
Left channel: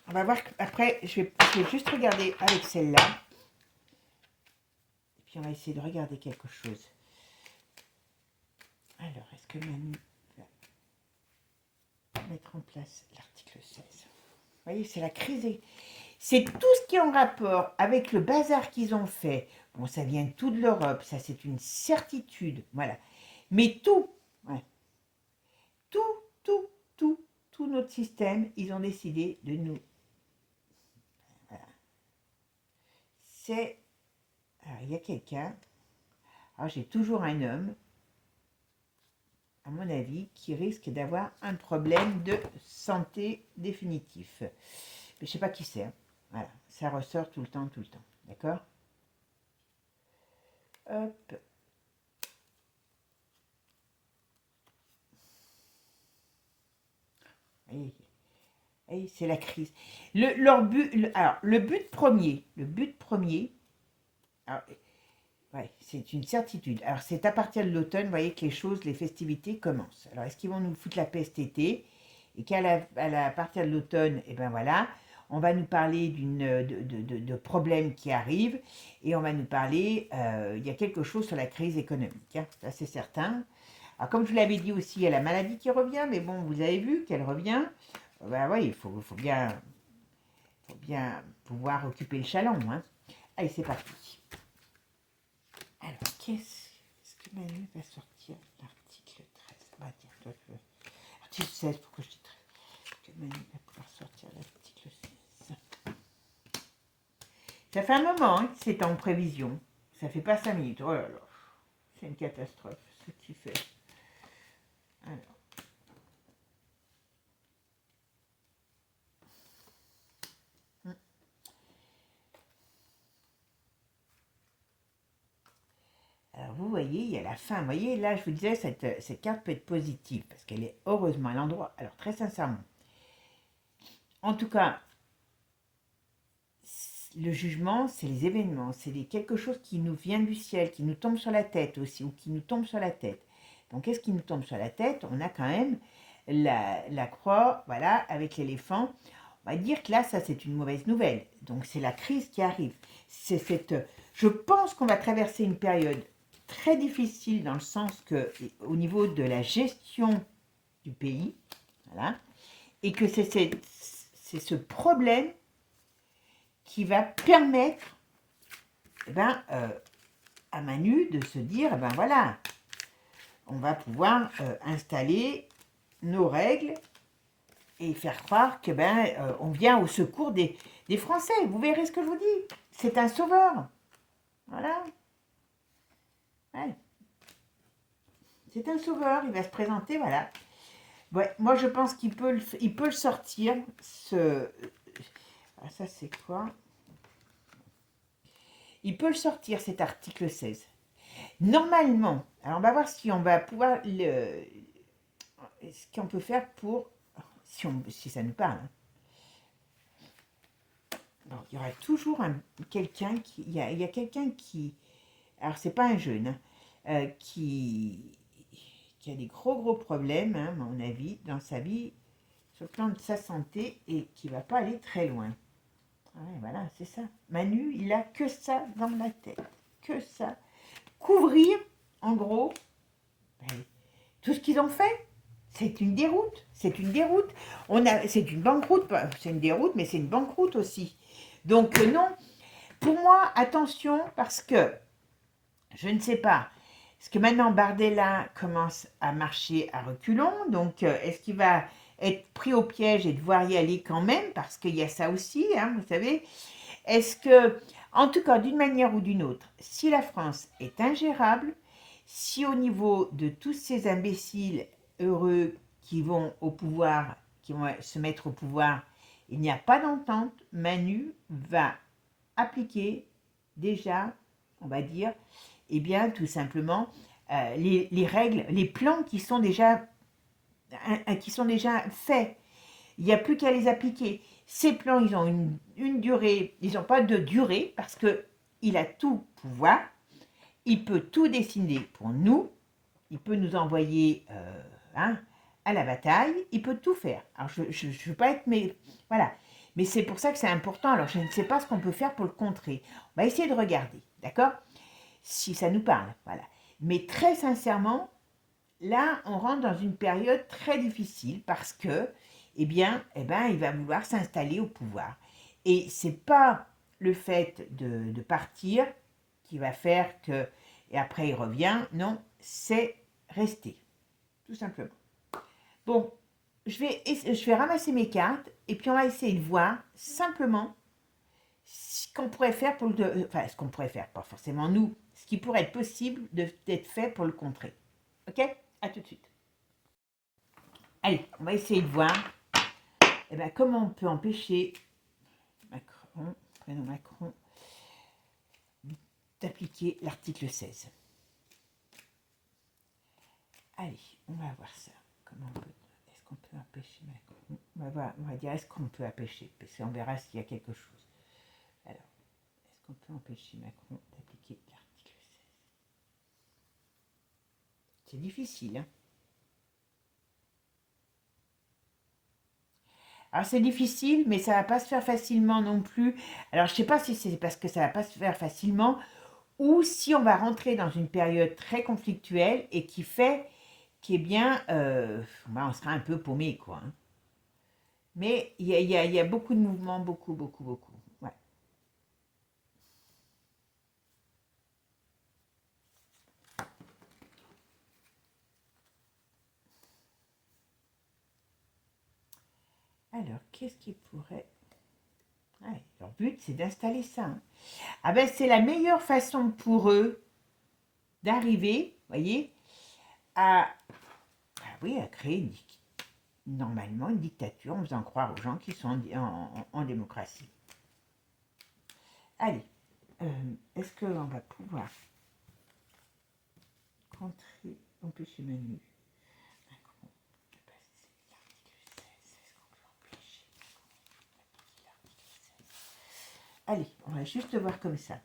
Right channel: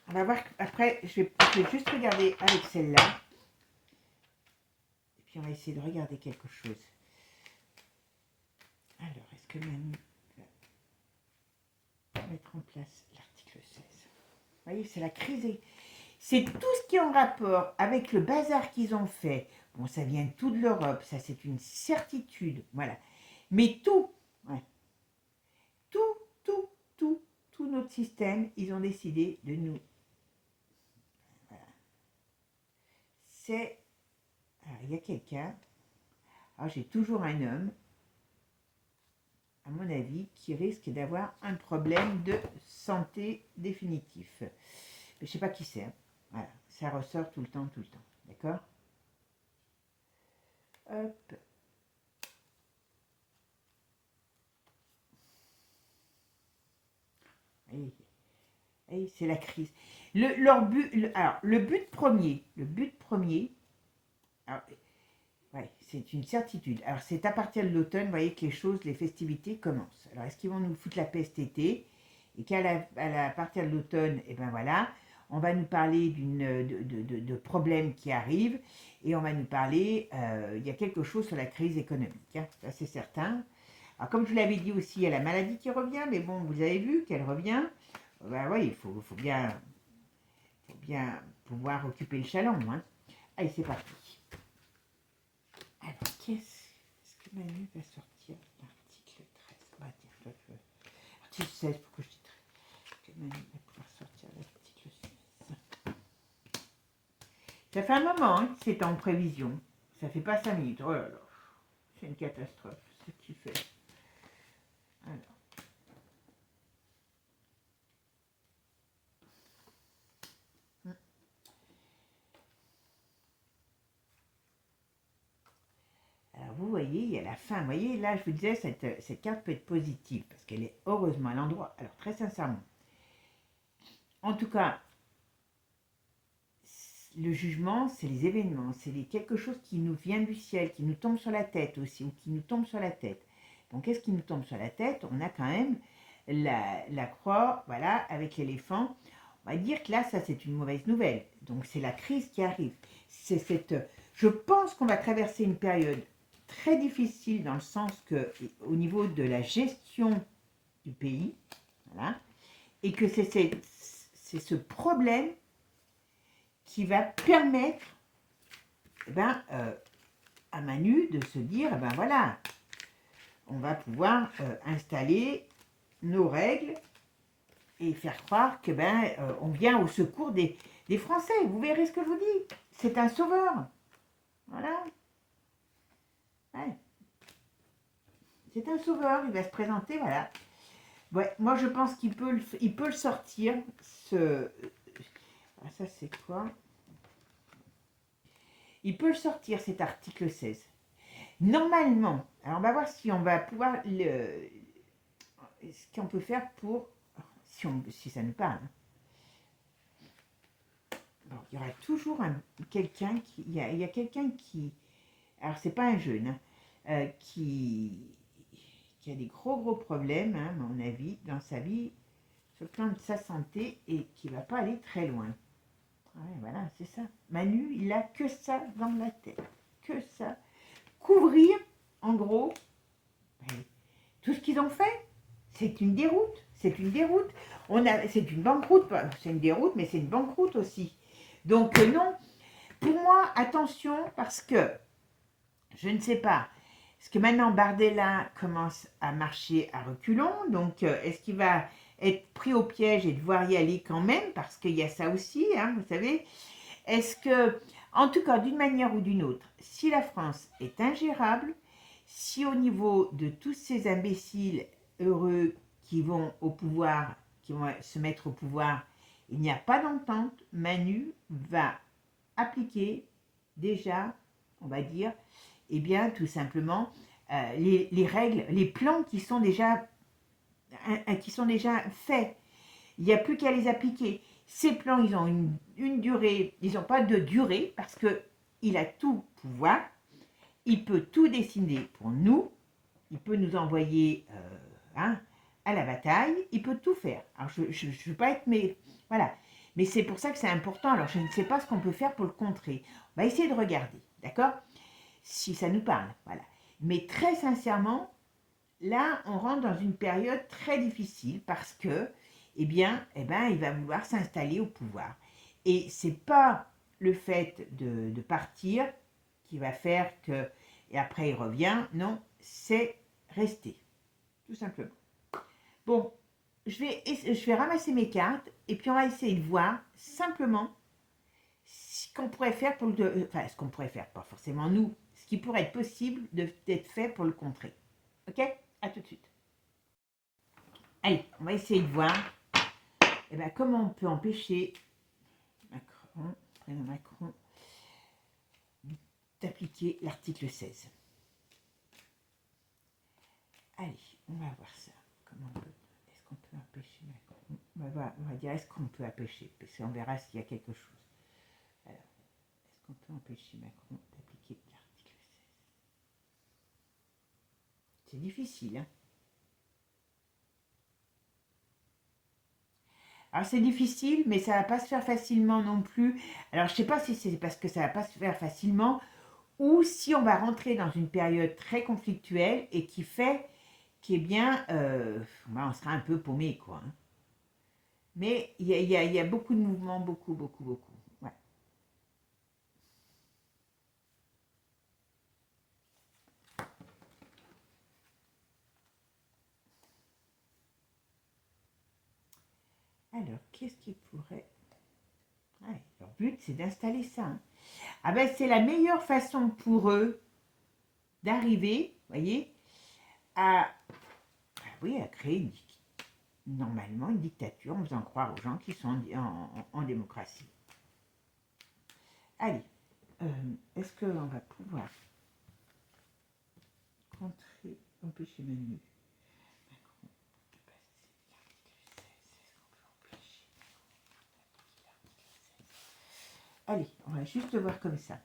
on va voir, après, je vais juste regarder avec celle-là, et puis on va essayer de regarder quelque chose. Alors, est-ce que Mamie va mettre en place l'article 16? Vous voyez, c'est la crise. C'est tout ce qui est en rapport avec le bazar qu'ils ont fait. Bon, ça vient tout de l'Europe, ça c'est une certitude, voilà. Mais tout, ouais, tout notre système, ils ont décidé de nous... Voilà. C'est... Alors, il y a quelqu'un, alors j'ai toujours un homme, à mon avis, qui risque d'avoir un problème de santé définitif. Mais je ne sais pas qui c'est. Hein. Voilà, ça ressort tout le temps. D'accord? Hop. Et c'est la crise. Leur but, alors, le but premier, alors, ouais, c'est une certitude. Alors, c'est à partir de l'automne, vous voyez que les festivités commencent. Alors, est-ce qu'ils vont nous foutre la peste été? Et à partir de l'automne, et ben voilà, on va nous parler de problèmes qui arrivent, et on va nous parler, il y a quelque chose sur la crise économique, hein, ça c'est certain. Alors, comme je vous l'avais dit aussi, il y a la maladie qui revient, mais bon, vous avez vu qu'elle revient. Ben ouais, il faut faut bien pouvoir occuper le chaland, hein. Allez, c'est parti. Alors, qu'est-ce que Manu va sortir? L'article 13. Bah, tiens, toi, article 16, pourquoi je dis 13? Que Manu va pouvoir sortir l'article 16. Ça fait un moment hein, que c'est en prévision. Ça fait pas 5 minutes. Oh là là. C'est une catastrophe, ce qu'il fait. Alors. Alors, vous voyez, il y a la fin. Vous voyez, là, je vous disais, cette carte peut être positive parce qu'elle est heureusement à l'endroit. Alors, très sincèrement, en tout cas, le jugement, c'est les événements, c'est quelque chose qui nous vient du ciel, qui nous tombe sur la tête aussi, ou qui nous tombe sur la tête. Donc, qu'est-ce qui nous tombe sur la tête? On a quand même la croix, voilà, avec l'éléphant. On va dire que là, ça, c'est une mauvaise nouvelle. Donc, c'est la crise qui arrive. Je pense qu'on va traverser une période très difficile dans le sens que, au niveau de la gestion du pays, voilà, et que c'est ce problème qui va permettre à Manu de se dire, voilà, on va pouvoir installer nos règles et faire croire que on vient au secours des Français. Vous verrez ce que je vous dis. C'est un sauveur. Voilà. Ouais. C'est un sauveur. Il va se présenter, voilà. Ouais, moi, je pense qu'il peut le sortir. Ah, ça, c'est quoi? Il peut le sortir, cet article 16. Normalement, alors on va voir si on va pouvoir ce qu'on peut faire pour, si ça nous parle. Bon, il y aura toujours quelqu'un qui, il y a quelqu'un qui, alors c'est pas un jeune, qui a des gros problèmes, à mon avis, dans sa vie, sur le plan de sa santé, et qui va pas aller très loin. Ouais, voilà, c'est ça. Manu, il a que ça dans la tête, que ça. Couvrir, en gros, tout ce qu'ils ont fait, c'est une déroute. C'est une déroute. C'est une banqueroute. C'est une déroute, mais c'est une banqueroute aussi. Donc non, pour moi, attention, parce que je ne sais pas. Est-ce que maintenant Bardella commence à marcher à reculons? Donc est-ce qu'il va être pris au piège et devoir y aller quand même? Parce qu'il y a ça aussi, hein, vous savez. Est-ce que, en tout cas, d'une manière ou d'une autre, si la France est ingérable, si au niveau de tous ces imbéciles heureux qui vont au pouvoir, qui vont se mettre au pouvoir, il n'y a pas d'entente, Manu va appliquer déjà, on va dire, eh bien, tout simplement, les règles, les plans qui sont déjà faits. Il n'y a plus qu'à les appliquer. Ces plans, ils ont une durée, ils n'ont pas de durée parce qu'il a tout pouvoir. Il peut tout dessiner pour nous. Il peut nous envoyer à la bataille. Il peut tout faire. Alors, je ne veux pas être... Mais voilà. Mais c'est pour ça que c'est important. Alors, je ne sais pas ce qu'on peut faire pour le contrer. On va essayer de regarder. D'accord? Si ça nous parle. Voilà. Mais très sincèrement, là, on rentre dans une période très difficile parce que il va vouloir s'installer au pouvoir. Et c'est pas le fait de partir qui va faire que, et après il revient, non, c'est rester, tout simplement. Bon, je vais ramasser mes cartes, et puis on va essayer de voir simplement ce qu'on pourrait faire pour enfin, ce qu'on pourrait faire, pas forcément nous, ce qui pourrait être possible d'être fait pour le contrer. Ok? À tout de suite. Allez, on va essayer de voir comment on peut empêcher Macron, prénom Macron, d'appliquer l'article 16. Allez, on va voir ça. Est-ce qu'on peut empêcher Macron? On va dire, est-ce qu'on peut empêcher? Parce qu'on verra s'il y a quelque chose. Alors, est-ce qu'on peut empêcher Macron d'appliquer l'article 16? C'est difficile, hein? Alors c'est difficile, mais ça ne va pas se faire facilement non plus. Alors je ne sais pas si c'est parce que ça ne va pas se faire facilement ou si on va rentrer dans une période très conflictuelle et qui fait on sera un peu paumé, quoi. Mais il y a beaucoup de mouvements, beaucoup, beaucoup, beaucoup. Ouais. Alors, qu'est-ce qui pourrait... Ouais, leur but, c'est d'installer ça, hein. Ah ben, c'est la meilleure façon pour eux d'arriver, voyez, à, oui, à créer normalement une dictature en faisant croire aux gens qui sont en démocratie. Allez, est-ce qu'on va pouvoir contrer, empêcher Manu? Allez, on va juste le voir comme ça.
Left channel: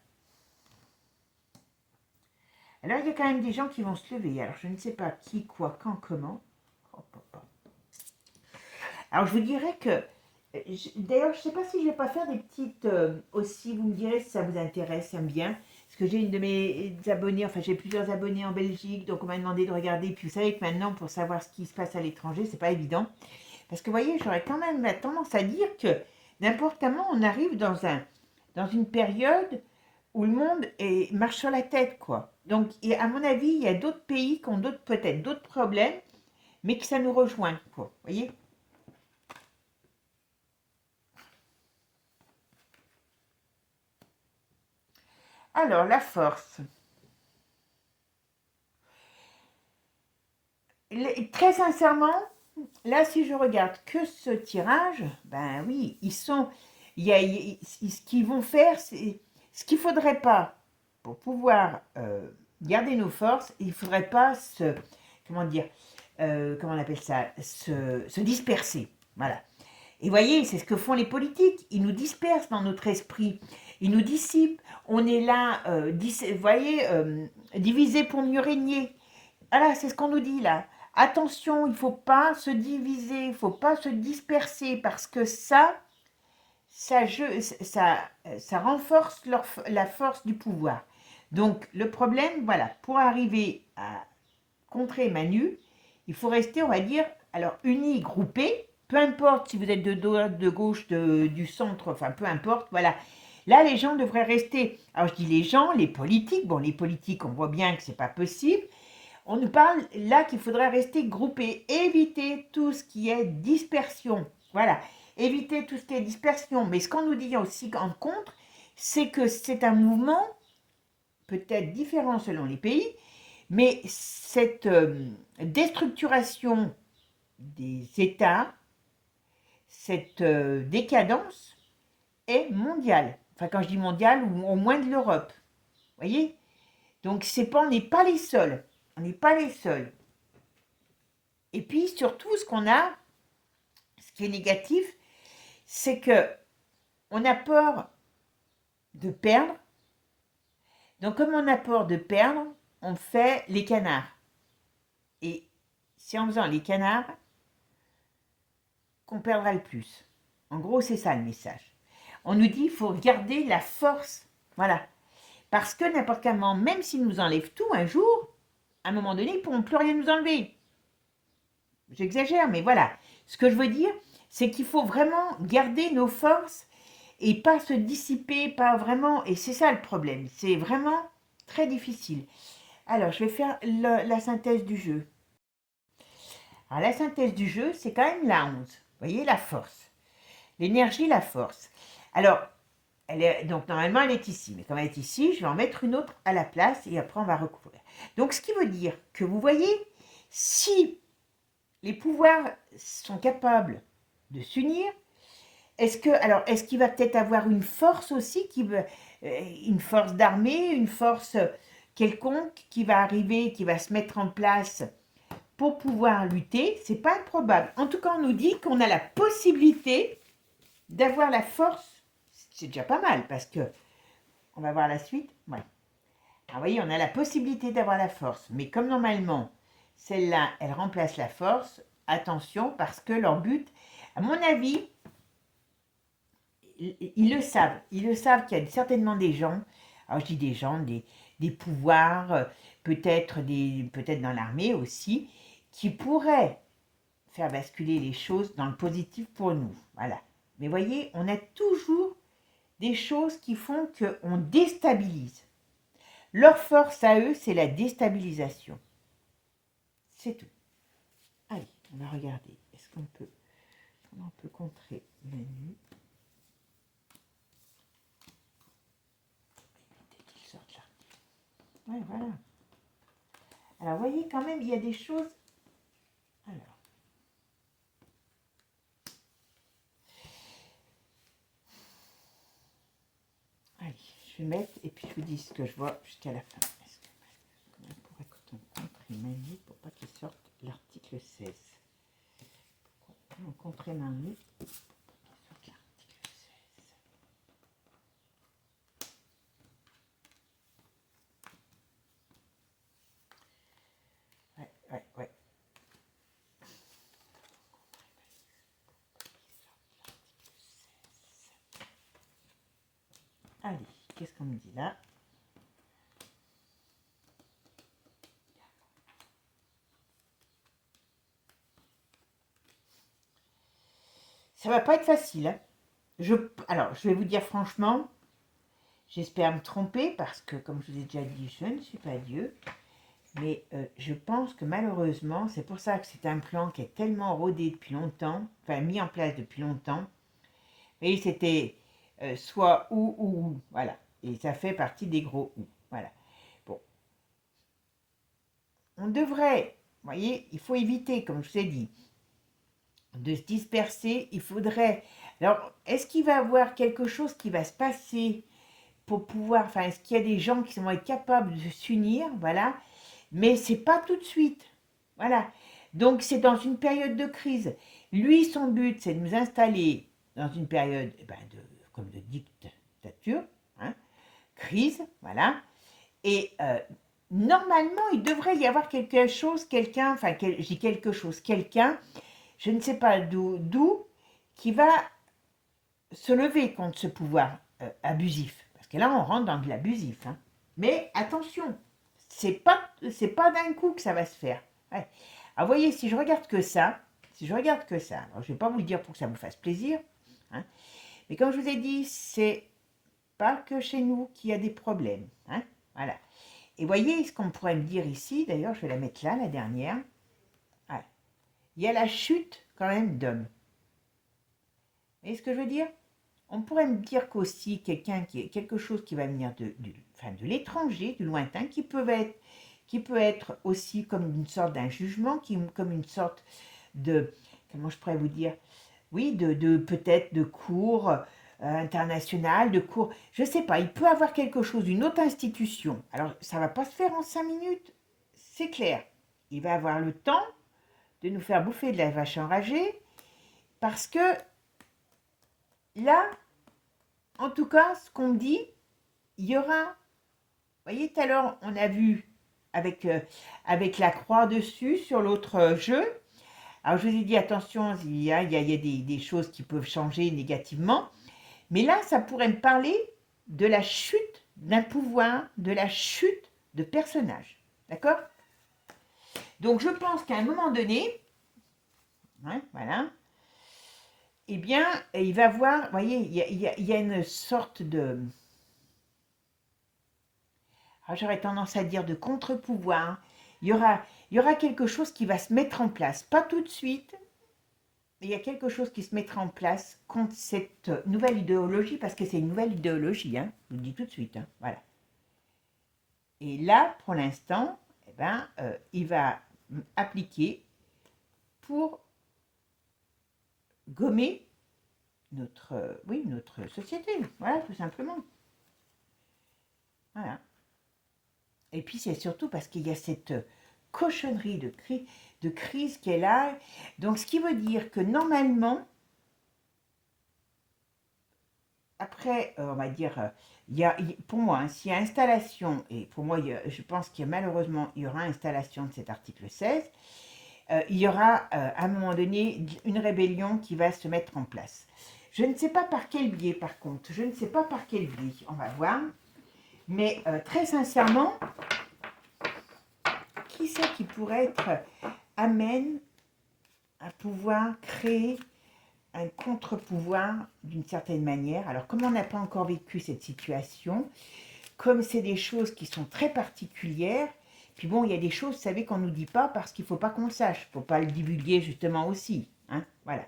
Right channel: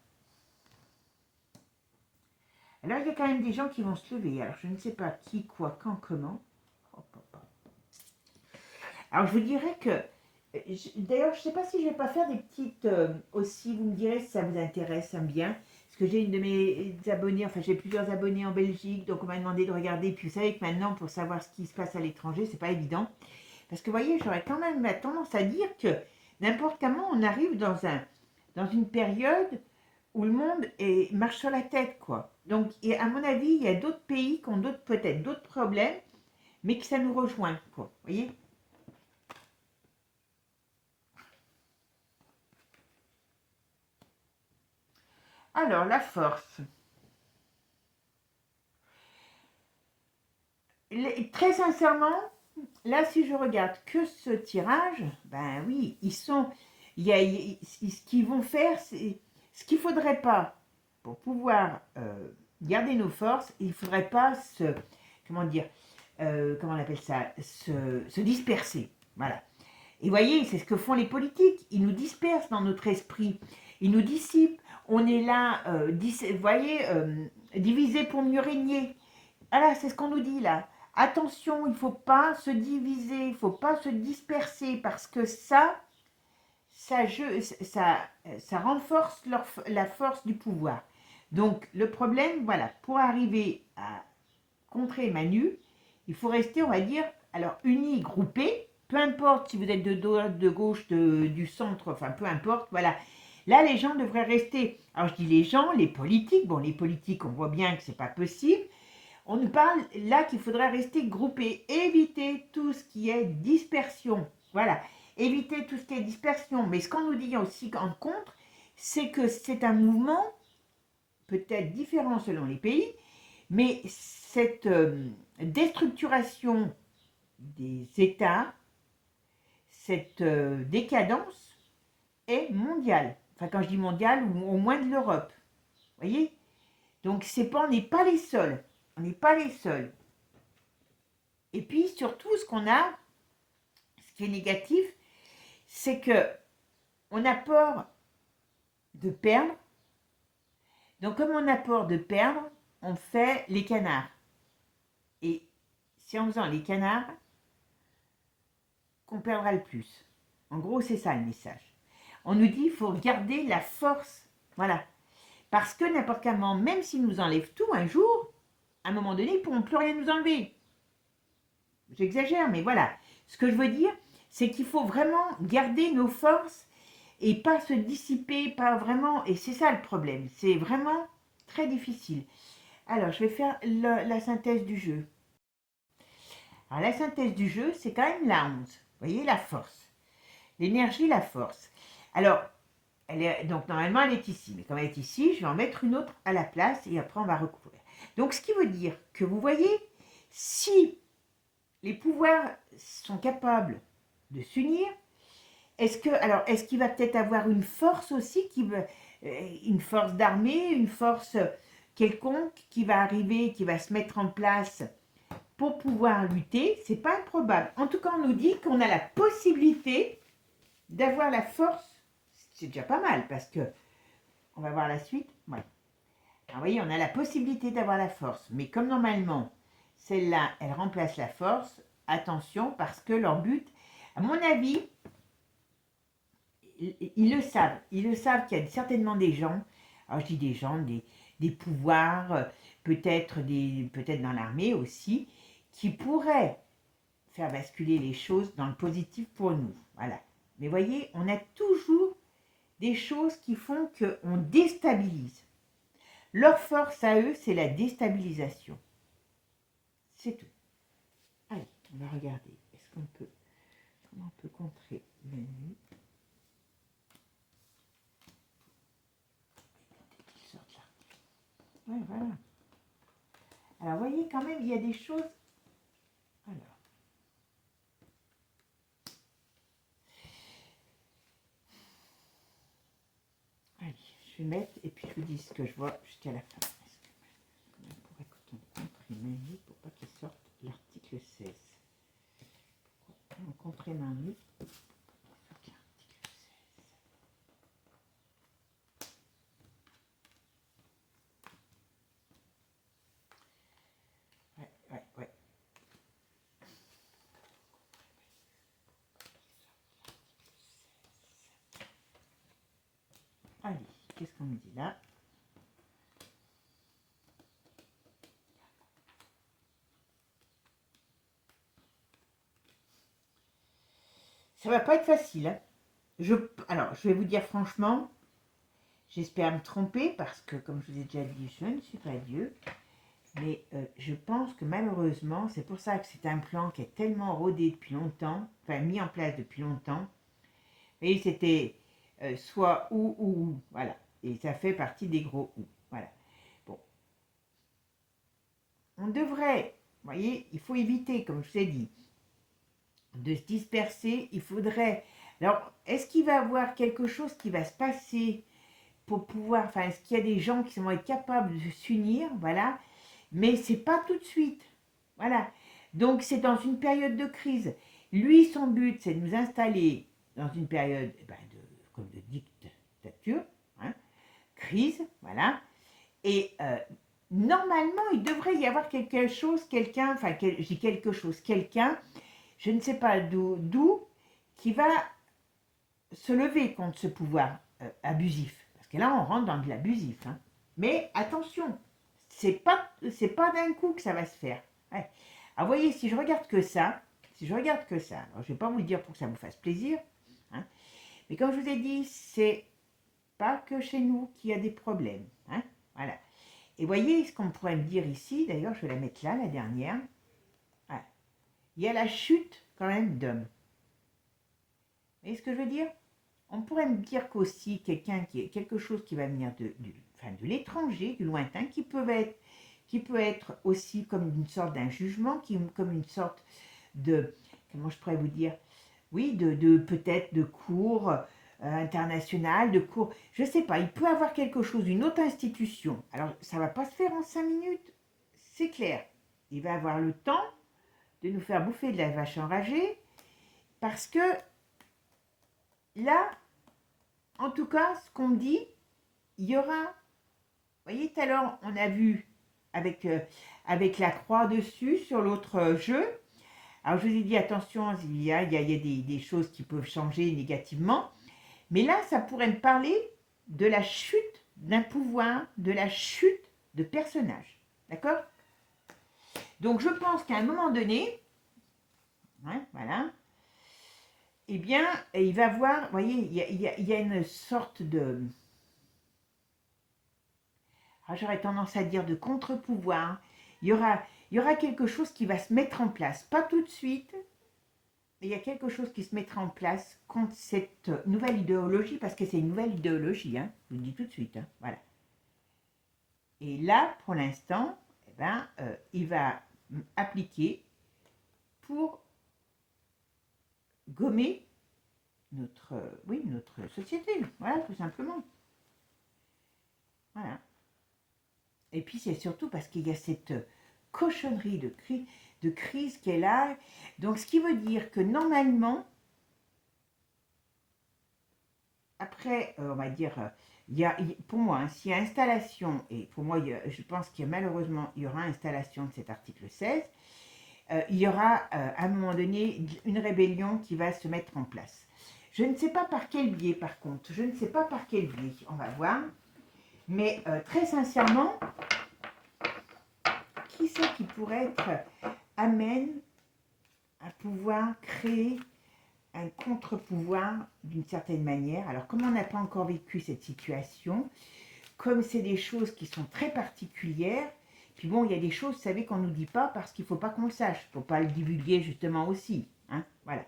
Alors, il y a quand même des gens qui vont se lever. Alors, je ne sais pas qui, quoi, quand, comment. Alors, je vous dirais que... D'ailleurs, je ne sais pas si je ne vais pas faire des petites... aussi, vous me direz si ça vous intéresse, ça me bien. Parce que j'ai une de mes abonnés, enfin, j'ai plusieurs abonnés en Belgique, donc on m'a demandé de regarder. Puis, vous savez que maintenant, pour savoir ce qui se passe à l'étranger, c'est pas évident. Parce que, vous voyez, j'aurais quand même la tendance à dire que n'importe comment, on arrive dans une période où le monde marche sur la tête, quoi. Donc, et à mon avis, il y a d'autres pays qui ont peut-être d'autres problèmes, mais que ça nous rejoint, quoi. Vous voyez? Alors, la force. Très sincèrement, là, si je regarde que ce tirage, ben oui, ce qu'ils vont faire, c'est ce qu'il ne faudrait pas pour pouvoir garder nos forces, il ne faudrait pas comment dire, comment on appelle ça, se disperser. Voilà. Et voyez, c'est ce que font les politiques. Ils nous dispersent dans notre esprit. Ils nous dissipent. On est là, voyez, divisé pour mieux régner. Voilà, c'est ce qu'on nous dit là. Attention, il ne faut pas se diviser, il ne faut pas se disperser parce que ça renforce la force du pouvoir. Donc, le problème, voilà, pour arriver à contrer Manu, il faut rester, on va dire, alors unis, groupés, peu importe si vous êtes de droite, de gauche, du centre, enfin peu importe, voilà. Là, les gens devraient rester, alors je dis les gens, les politiques, bon, les politiques, on voit bien que c'est pas possible. On nous parle là qu'il faudrait rester groupés, éviter tout ce qui est dispersion, voilà, éviter tout ce qui est dispersion. Mais ce qu'on nous dit aussi en contre, c'est que c'est un mouvement peut-être différent selon les pays, mais cette déstructuration des États, cette décadence est mondiale. Enfin, quand je dis mondiale, ou au moins de l'Europe. Vous voyez? Donc, on n'est pas les seuls. On n'est pas les seuls. Et puis, surtout, ce qui est négatif, c'est que on a peur de perdre. Donc, comme on a peur de perdre, on fait les canards. Et c'est en faisant les canards qu'on perdra le plus. En gros, c'est ça le message. On nous dit qu'il faut garder la force. Voilà. Parce que n'importe quel moment, même s'ils nous enlèvent tout un jour, à un moment donné, ils ne pourront plus rien nous enlever. J'exagère, mais voilà. Ce que je veux dire, c'est qu'il faut vraiment garder nos forces et pas se dissiper, pas vraiment. Et c'est ça le problème. C'est vraiment très difficile. Alors, je vais faire la synthèse du jeu. Alors, la synthèse du jeu, c'est quand même la 11. Vous voyez, la force. L'énergie, la force. Alors, donc normalement, elle est ici. Mais comme elle est ici, je vais en mettre une autre à la place et après, on va recouvrir. Donc, ce qui veut dire que vous voyez, si les pouvoirs sont capables de s'unir, est-ce qu'il va peut-être avoir une force aussi, une force d'armée, une force quelconque qui va arriver, qui va se mettre en place pour pouvoir lutter? C'est pas improbable. En tout cas, on nous dit qu'on a la possibilité d'avoir la force. C'est déjà pas mal parce que on va voir la suite. Voilà. Alors, vous voyez, on a la possibilité d'avoir la force, mais comme normalement, celle-là, elle remplace la force. Attention, parce que leur but, à mon avis, ils le savent. Ils le savent qu'il y a certainement des gens, alors je dis des gens, des pouvoirs, peut-être dans l'armée aussi, qui pourraient faire basculer les choses dans le positif pour nous. Voilà. Mais voyez, on a toujours des choses qui font qu'on déstabilise. Leur force à eux, c'est la déstabilisation. C'est tout. Allez, on va regarder. Est-ce qu'on peut... Comment on peut contrer Manu? Ouais, voilà. Alors, vous voyez, quand même, il y a des choses... Alors... Allez, je vais mettre, et puis je vous dis ce que je vois jusqu'à la fin. Comment on pourrait contrer Manu pour pas qu'il sorte l'article 16? Pourquoi on contrer Manu pour pas qu'il sorte l'article 16? Ouais. Allez, qu'est-ce qu'on me dit là? Ça va pas être facile, hein. Alors, je vais vous dire franchement, j'espère me tromper parce que, comme je vous ai déjà dit, je ne suis pas Dieu. Mais je pense que malheureusement, c'est pour ça que c'est un plan qui est tellement rodé depuis longtemps, enfin mis en place depuis longtemps. Et c'était soit ou, voilà. Et ça fait partie des gros ou, voilà. Bon. On devrait, vous voyez, il faut éviter, comme je vous ai dit, de se disperser. Il faudrait... Alors, est-ce qu'il va y avoir quelque chose qui va se passer pour pouvoir... Enfin, est-ce qu'il y a des gens qui vont être capables de s'unir, voilà. Mais c'est pas tout de suite. Voilà. Donc, c'est dans une période de crise. Lui, son but, c'est de nous installer dans une période comme de dictature, hein, crise, voilà. Et normalement, il devrait y avoir quelque chose, quelqu'un, enfin, je dis quelque chose, quelqu'un, je ne sais pas d'où, qui va se lever contre ce pouvoir abusif. Parce que là, on rentre dans de l'abusif. Hein. Mais attention, c'est pas d'un coup que ça va se faire. Ouais. Alors, voyez, si je regarde que ça, alors je vais pas vous le dire pour que ça vous fasse plaisir, hein, mais comme je vous ai dit, c'est pas que chez nous qu'il y a des problèmes. Hein, voilà. Et voyez ce qu'on pourrait me dire ici, d'ailleurs, je vais la mettre là, la dernière. Voilà. Il y a la chute quand même d'hommes. Vous voyez ce que je veux dire? On pourrait me dire qu'aussi quelque chose qui va venir de l'étranger, du lointain, qui peut être aussi comme une sorte d'un jugement, comme une sorte de, comment je pourrais vous dire, oui, de peut-être de cours international, de cours, je ne sais pas, il peut avoir quelque chose, une autre institution. Alors, ça ne va pas se faire en 5 minutes, c'est clair. Il va avoir le temps de nous faire bouffer de la vache enragée, parce que là, en tout cas, ce qu'on me dit, il y aura, vous voyez, tout à l'heure, on a vu avec la croix dessus sur l'autre jeu. Alors, je vous ai dit, attention, il y a des choses qui peuvent changer négativement. Mais là, ça pourrait me parler de la chute d'un pouvoir, de la chute de personnages. D'accord? Donc, je pense qu'à un moment donné, hein, voilà, eh bien, il va voir, vous voyez, il y a une sorte de... j'aurais tendance à dire de contre-pouvoir. Il y aura quelque chose qui va se mettre en place. Pas tout de suite, mais il y a quelque chose qui se mettra en place contre cette nouvelle idéologie, parce que c'est une nouvelle idéologie, hein, je vous le dis tout de suite. Hein, voilà. Et là, pour l'instant, il va appliquer pour gommer notre société. Voilà, tout simplement. Voilà. Et puis, c'est surtout parce qu'il y a cette cochonnerie de crise qui est là. Donc, ce qui veut dire que normalement, après, on va dire, pour moi, hein, s'il y a installation, et pour moi, je pense qu'il y a malheureusement, il y aura installation de cet article 16, il y aura à un moment donné une rébellion qui va se mettre en place. Je ne sais pas par quel biais, par contre, je ne sais pas par quel biais, on va voir, mais très sincèrement, qui c'est qui pourrait être amène à pouvoir créer un contre-pouvoir d'une certaine manière. Alors, comme on n'a pas encore vécu cette situation, comme c'est des choses qui sont très particulières, puis bon, il y a des choses, vous savez, qu'on ne nous dit pas parce qu'il ne faut pas qu'on le sache. Il ne faut pas le divulguer justement aussi. Hein, voilà.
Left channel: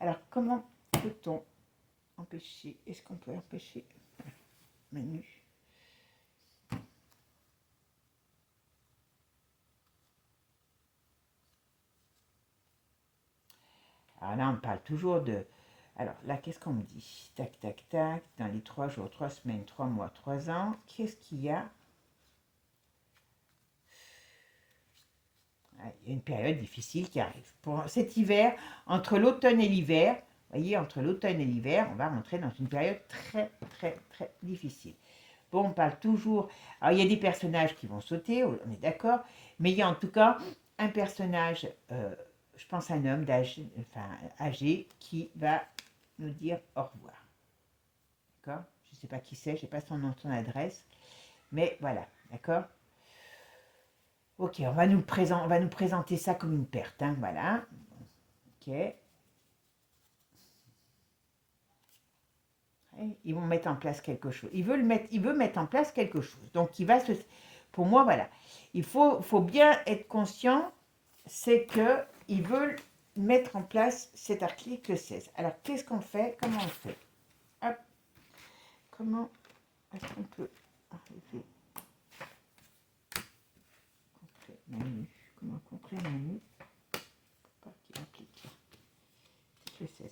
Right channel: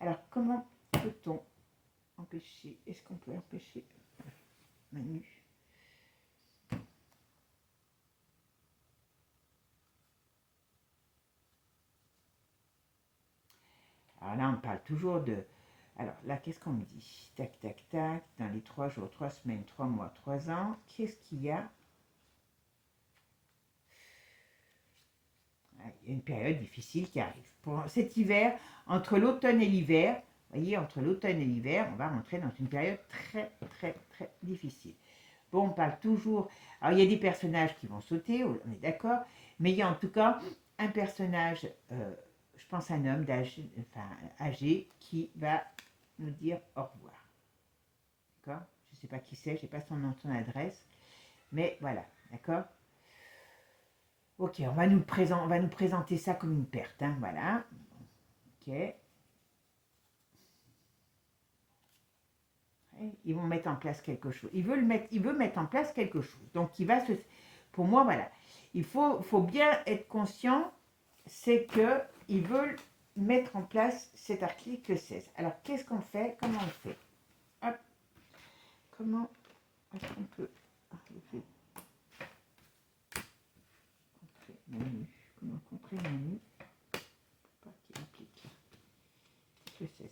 Alors, comment peut-on empêcher? Est-ce qu'on peut empêcher Manu? Alors là, on parle toujours de... Alors là, qu'est-ce qu'on me dit? Tac, tac, tac. Dans les 3 jours, 3 semaines, 3 mois, 3 ans, qu'est-ce qu'il y a? Il y a une période difficile qui arrive. Pour cet hiver, entre l'automne et l'hiver, vous voyez, entre l'automne et l'hiver, on va rentrer dans une période très, très, très difficile. Bon, on parle toujours... Alors, il y a des personnages qui vont sauter, on est d'accord, mais il y a en tout cas un personnage, je pense un homme âgé, qui va nous dire au revoir. D'accord? Je ne sais pas qui c'est, je n'ai pas son nom, son adresse, mais voilà, d'accord? Ok, on va nous présenter ça comme une perte, hein, voilà. Ok. Ils vont mettre en place quelque chose. Il veut mettre en place quelque chose. Donc, pour moi, voilà. Il faut bien être conscient, c'est que ils veulent mettre en place cet article 16. Alors, qu'est-ce qu'on fait? Comment on fait? Hop. Comment est-ce qu'on peut enlever Manu? Comment contrer Manu? Pas qu'il applique l'article 16.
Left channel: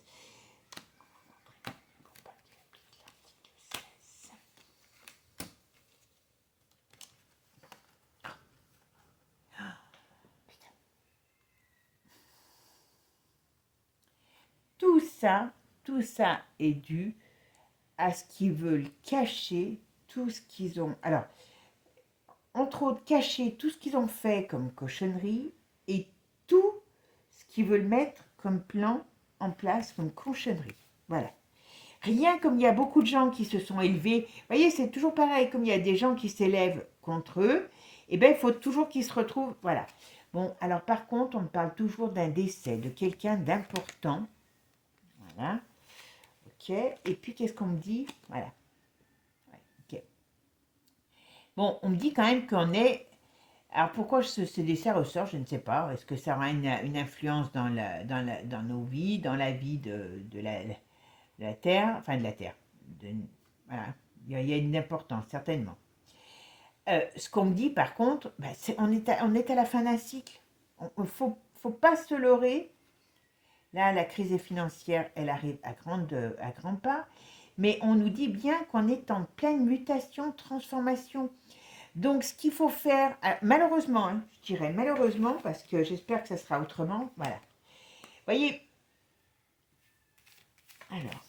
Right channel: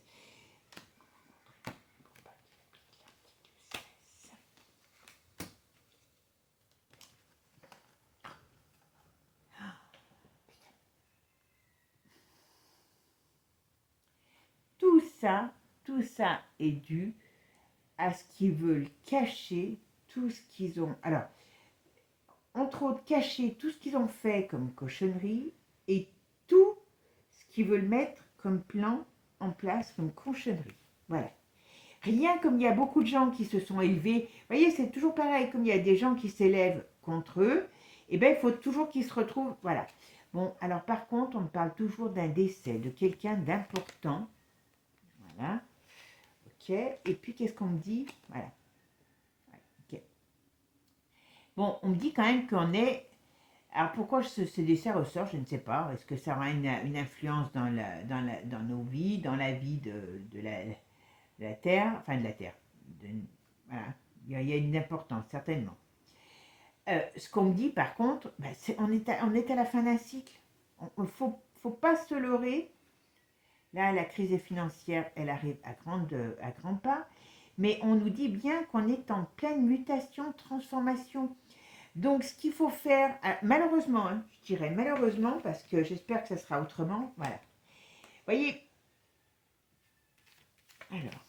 Tout ça est dû à ce qu'ils veulent cacher tout ce qu'ils ont. Alors, entre autres, cacher tout ce qu'ils ont fait comme cochonnerie et tout ce qu'ils veulent mettre comme plan en place comme cochonnerie. Voilà. Rien comme il y a beaucoup de gens qui se sont élevés. Vous voyez, c'est toujours pareil, comme il y a des gens qui s'élèvent contre eux, et bien il faut toujours qu'ils se retrouvent. Voilà. Bon, alors par contre, on me parle toujours d'un décès, de quelqu'un d'important. Voilà. Ok. Et puis, qu'est-ce qu'on me dit? Voilà. Ok. Bon, on me dit quand même qu'on est... Alors, pourquoi ce dessin ressort, je ne sais pas. Est-ce que ça aura une influence dans nos vies, dans la vie de la Terre, enfin de la Terre. Voilà. Il y a une importance, certainement. Ce qu'on me dit, par contre, ben, on est à la fin d'un cycle. Il ne faut pas se leurrer. Là, la crise financière, elle arrive à grands pas. Mais on nous dit bien qu'on est en pleine mutation, transformation. Donc, ce qu'il faut faire, malheureusement, hein, je dirais malheureusement, parce que j'espère que ça sera autrement, voilà. Vous voyez, alors,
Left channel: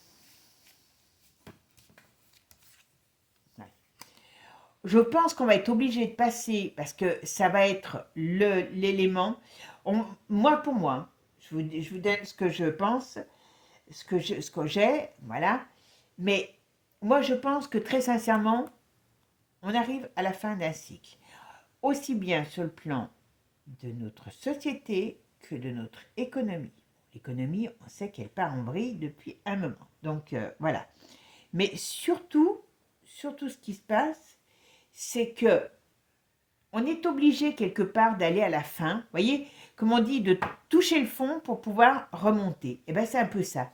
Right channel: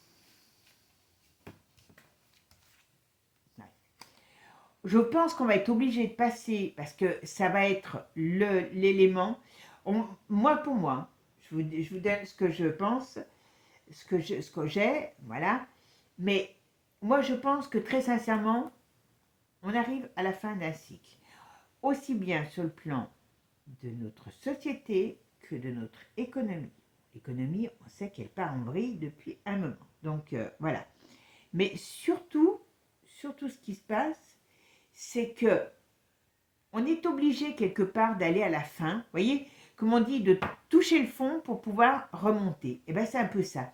ouais. Je pense qu'on va être obligé de passer, parce que ça va être l'élément. Moi, pour moi, je vous donne ce que je pense, ce que j'ai, voilà. Mais moi, je pense que très sincèrement, on arrive à la fin d'un cycle. Aussi bien sur le plan de notre société que de notre économie. L'économie, on sait qu'elle part en vrille depuis un moment. Donc voilà. Mais surtout ce qui se passe, c'est que on est obligé quelque part d'aller à la fin. Vous voyez, comme on dit, de toucher le fond pour pouvoir remonter. Et bien c'est un peu ça.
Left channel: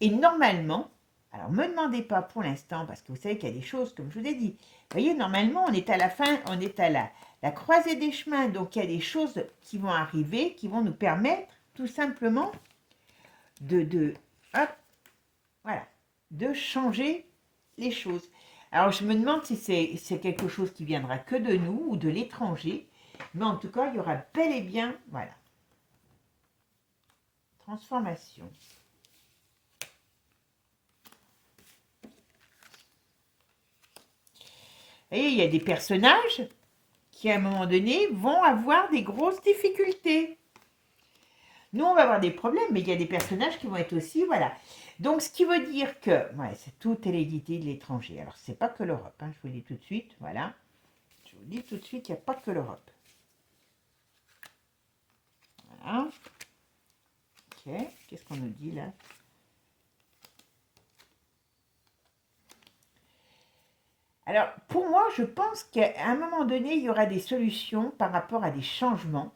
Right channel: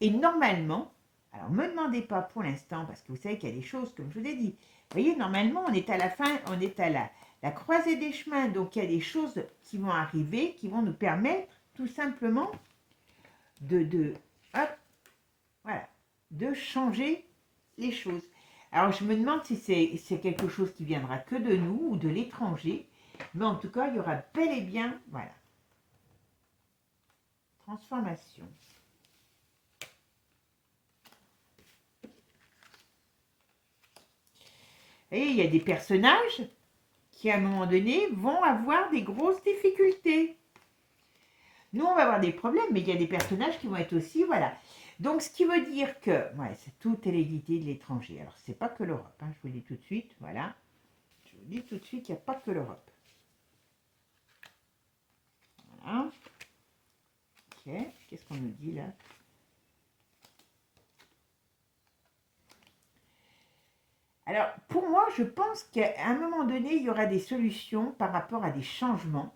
Et normalement, alors ne me demandez pas pour l'instant, parce que vous savez qu'il y a des choses, comme je vous ai dit. Vous voyez, normalement, on est à la fin, on est à la croisée des chemins. Donc, il y a des choses qui vont arriver, qui vont nous permettre tout simplement hop, voilà, de changer les choses. Alors, je me demande si c'est quelque chose qui viendra que de nous ou de l'étranger. Mais en tout cas, il y aura bel et bien, voilà, transformation. Et il y a des personnages qui, à un moment donné, vont avoir des grosses difficultés. Nous, on va avoir des problèmes, mais il y a des personnages qui vont être aussi, voilà. Donc, ce qui veut dire que, ouais, c'est toute l'hérédité de l'étranger. Alors, c'est pas que l'Europe, hein, je vous le dis tout de suite, voilà. Je vous dis tout de suite, il n'y a pas que l'Europe. Voilà. Qu'est-ce qu'on nous dit là? Alors, pour moi, je pense qu'à un moment donné, il y aura des solutions par rapport à des changements,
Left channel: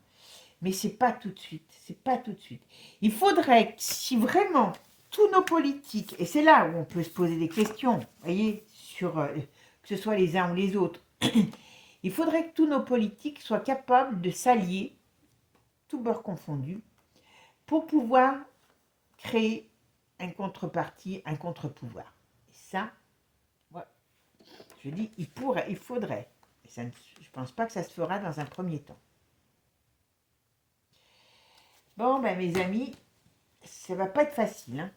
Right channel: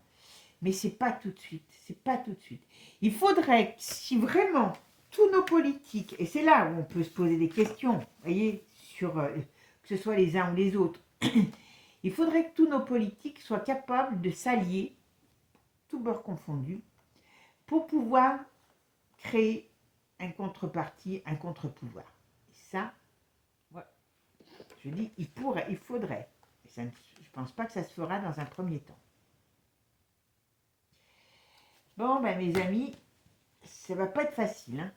mais c'est pas tout de suite. C'est pas tout de suite. Il faudrait, si vraiment tous nos politiques, et c'est là où on peut se poser des questions, vous voyez, sur que ce soit les uns ou les autres, il faudrait que tous nos politiques soient capables de s'allier, tout bord confondu, pour pouvoir créer un contrepartie, un contre-pouvoir. Et ça, ouais, je dis, il faudrait. Et ça, je ne pense pas que ça se fera dans un premier temps. Bon, ben, mes amis, ça va pas être facile, hein.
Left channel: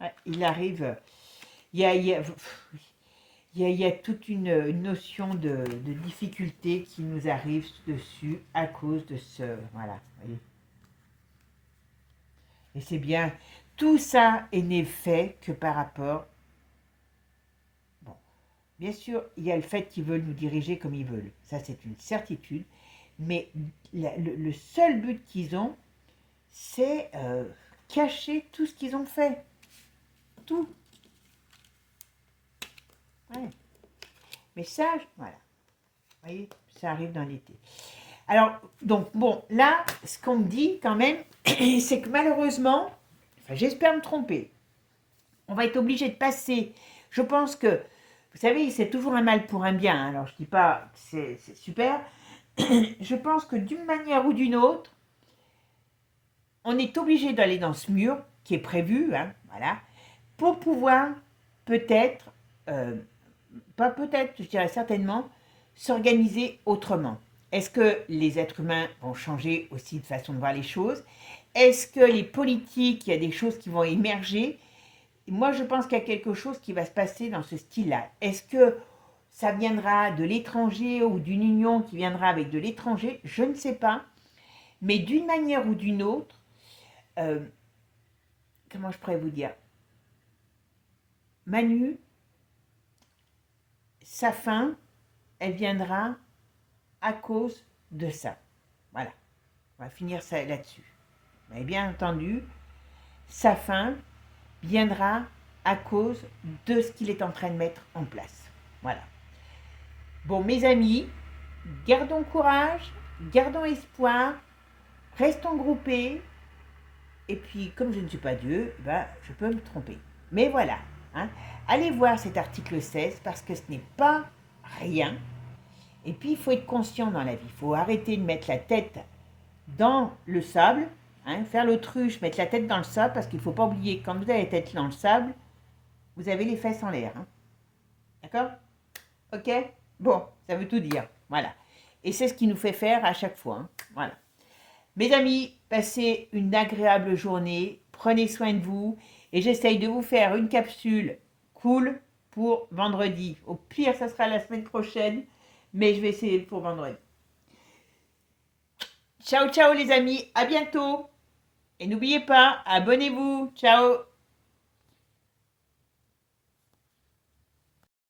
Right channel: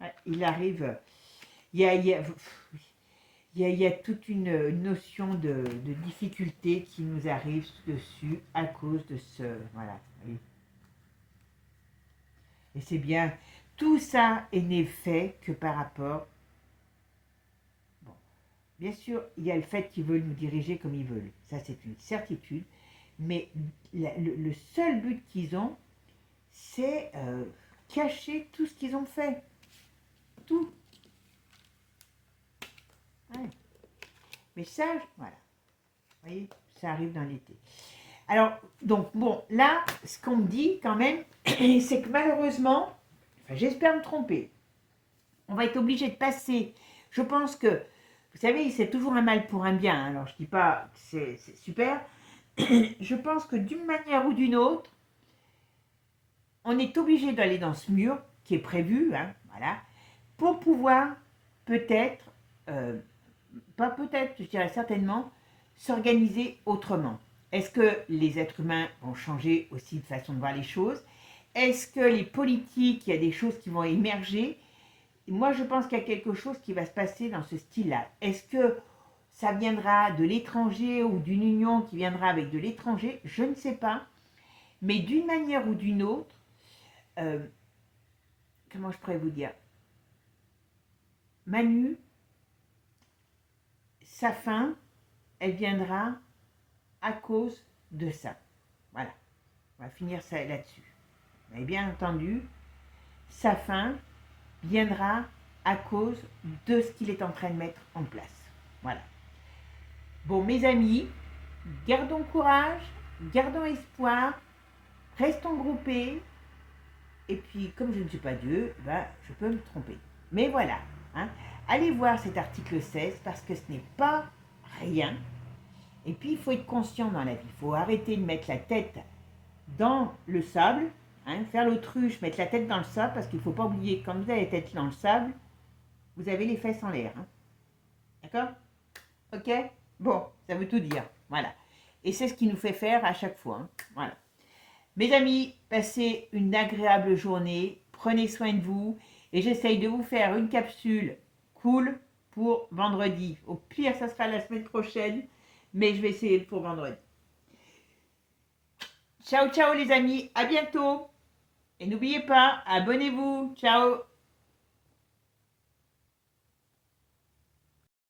Ouais, il arrive, il y a, il y a- il y a toute une notion de difficulté qui nous arrive dessus à cause de ce... Voilà. Vous voyez. Et c'est bien, tout ça n'est fait que par rapport... Bon, bien sûr, il y a le fait qu'ils veulent nous diriger comme ils veulent. Ça, c'est une certitude. Mais le seul but qu'ils ont, c'est cacher tout ce qu'ils ont fait. Tout. Ouais. Mais ça, voilà. Vous voyez, ça arrive dans l'été. Alors, donc, bon, là, ce qu'on me dit quand même, c'est que malheureusement, enfin, j'espère me tromper, on va être obligé de passer. Je pense que, vous savez, c'est toujours un mal pour un bien. Hein. Alors, je ne dis pas que c'est super. Je pense que d'une manière ou d'une autre, on est obligé d'aller dans ce mur qui est prévu, hein, voilà, pour pouvoir peut-être, pas peut-être, je dirais certainement, s'organiser autrement. Est-ce que les êtres humains vont changer aussi de façon de voir les choses? Est-ce que les politiques, il y a des choses qui vont émerger? Moi, je pense qu'il y a quelque chose qui va se passer dans ce style-là. Est-ce que ça viendra de l'étranger ou d'une union qui viendra avec de l'étranger? Je ne sais pas. Mais d'une manière ou d'une autre, euh, comment je pourrais vous dire? Manu, sa fin, elle viendra à cause de ça. Voilà, on va finir ça là-dessus. Mais bien entendu, sa fin viendra à cause de ce qu'il est en train de mettre en place. Voilà. Bon, mes amis, gardons courage, gardons espoir, restons groupés. Et puis, comme je ne suis pas Dieu, ben, je peux me tromper. Mais voilà, hein. Allez voir cet article 16 parce que ce n'est pas rien. Et puis, il faut être conscient dans la vie. Il faut arrêter de mettre la tête dans le sable, hein, faire l'autruche, mettre la tête dans le sable, parce qu'il ne faut pas oublier, quand vous avez la tête dans le sable, vous avez les fesses en l'air. Hein. D'accord? Ok? Bon, ça veut tout dire. Voilà. Et c'est ce qui nous fait faire à chaque fois. Hein. Voilà. Mes amis, passez une agréable journée, prenez soin de vous, et j'essaye de vous faire une capsule cool pour vendredi. Au pire, ça sera la semaine prochaine, mais je vais essayer pour vendredi. Ciao, ciao les amis, à bientôt. Et n'oubliez pas, abonnez-vous. Ciao.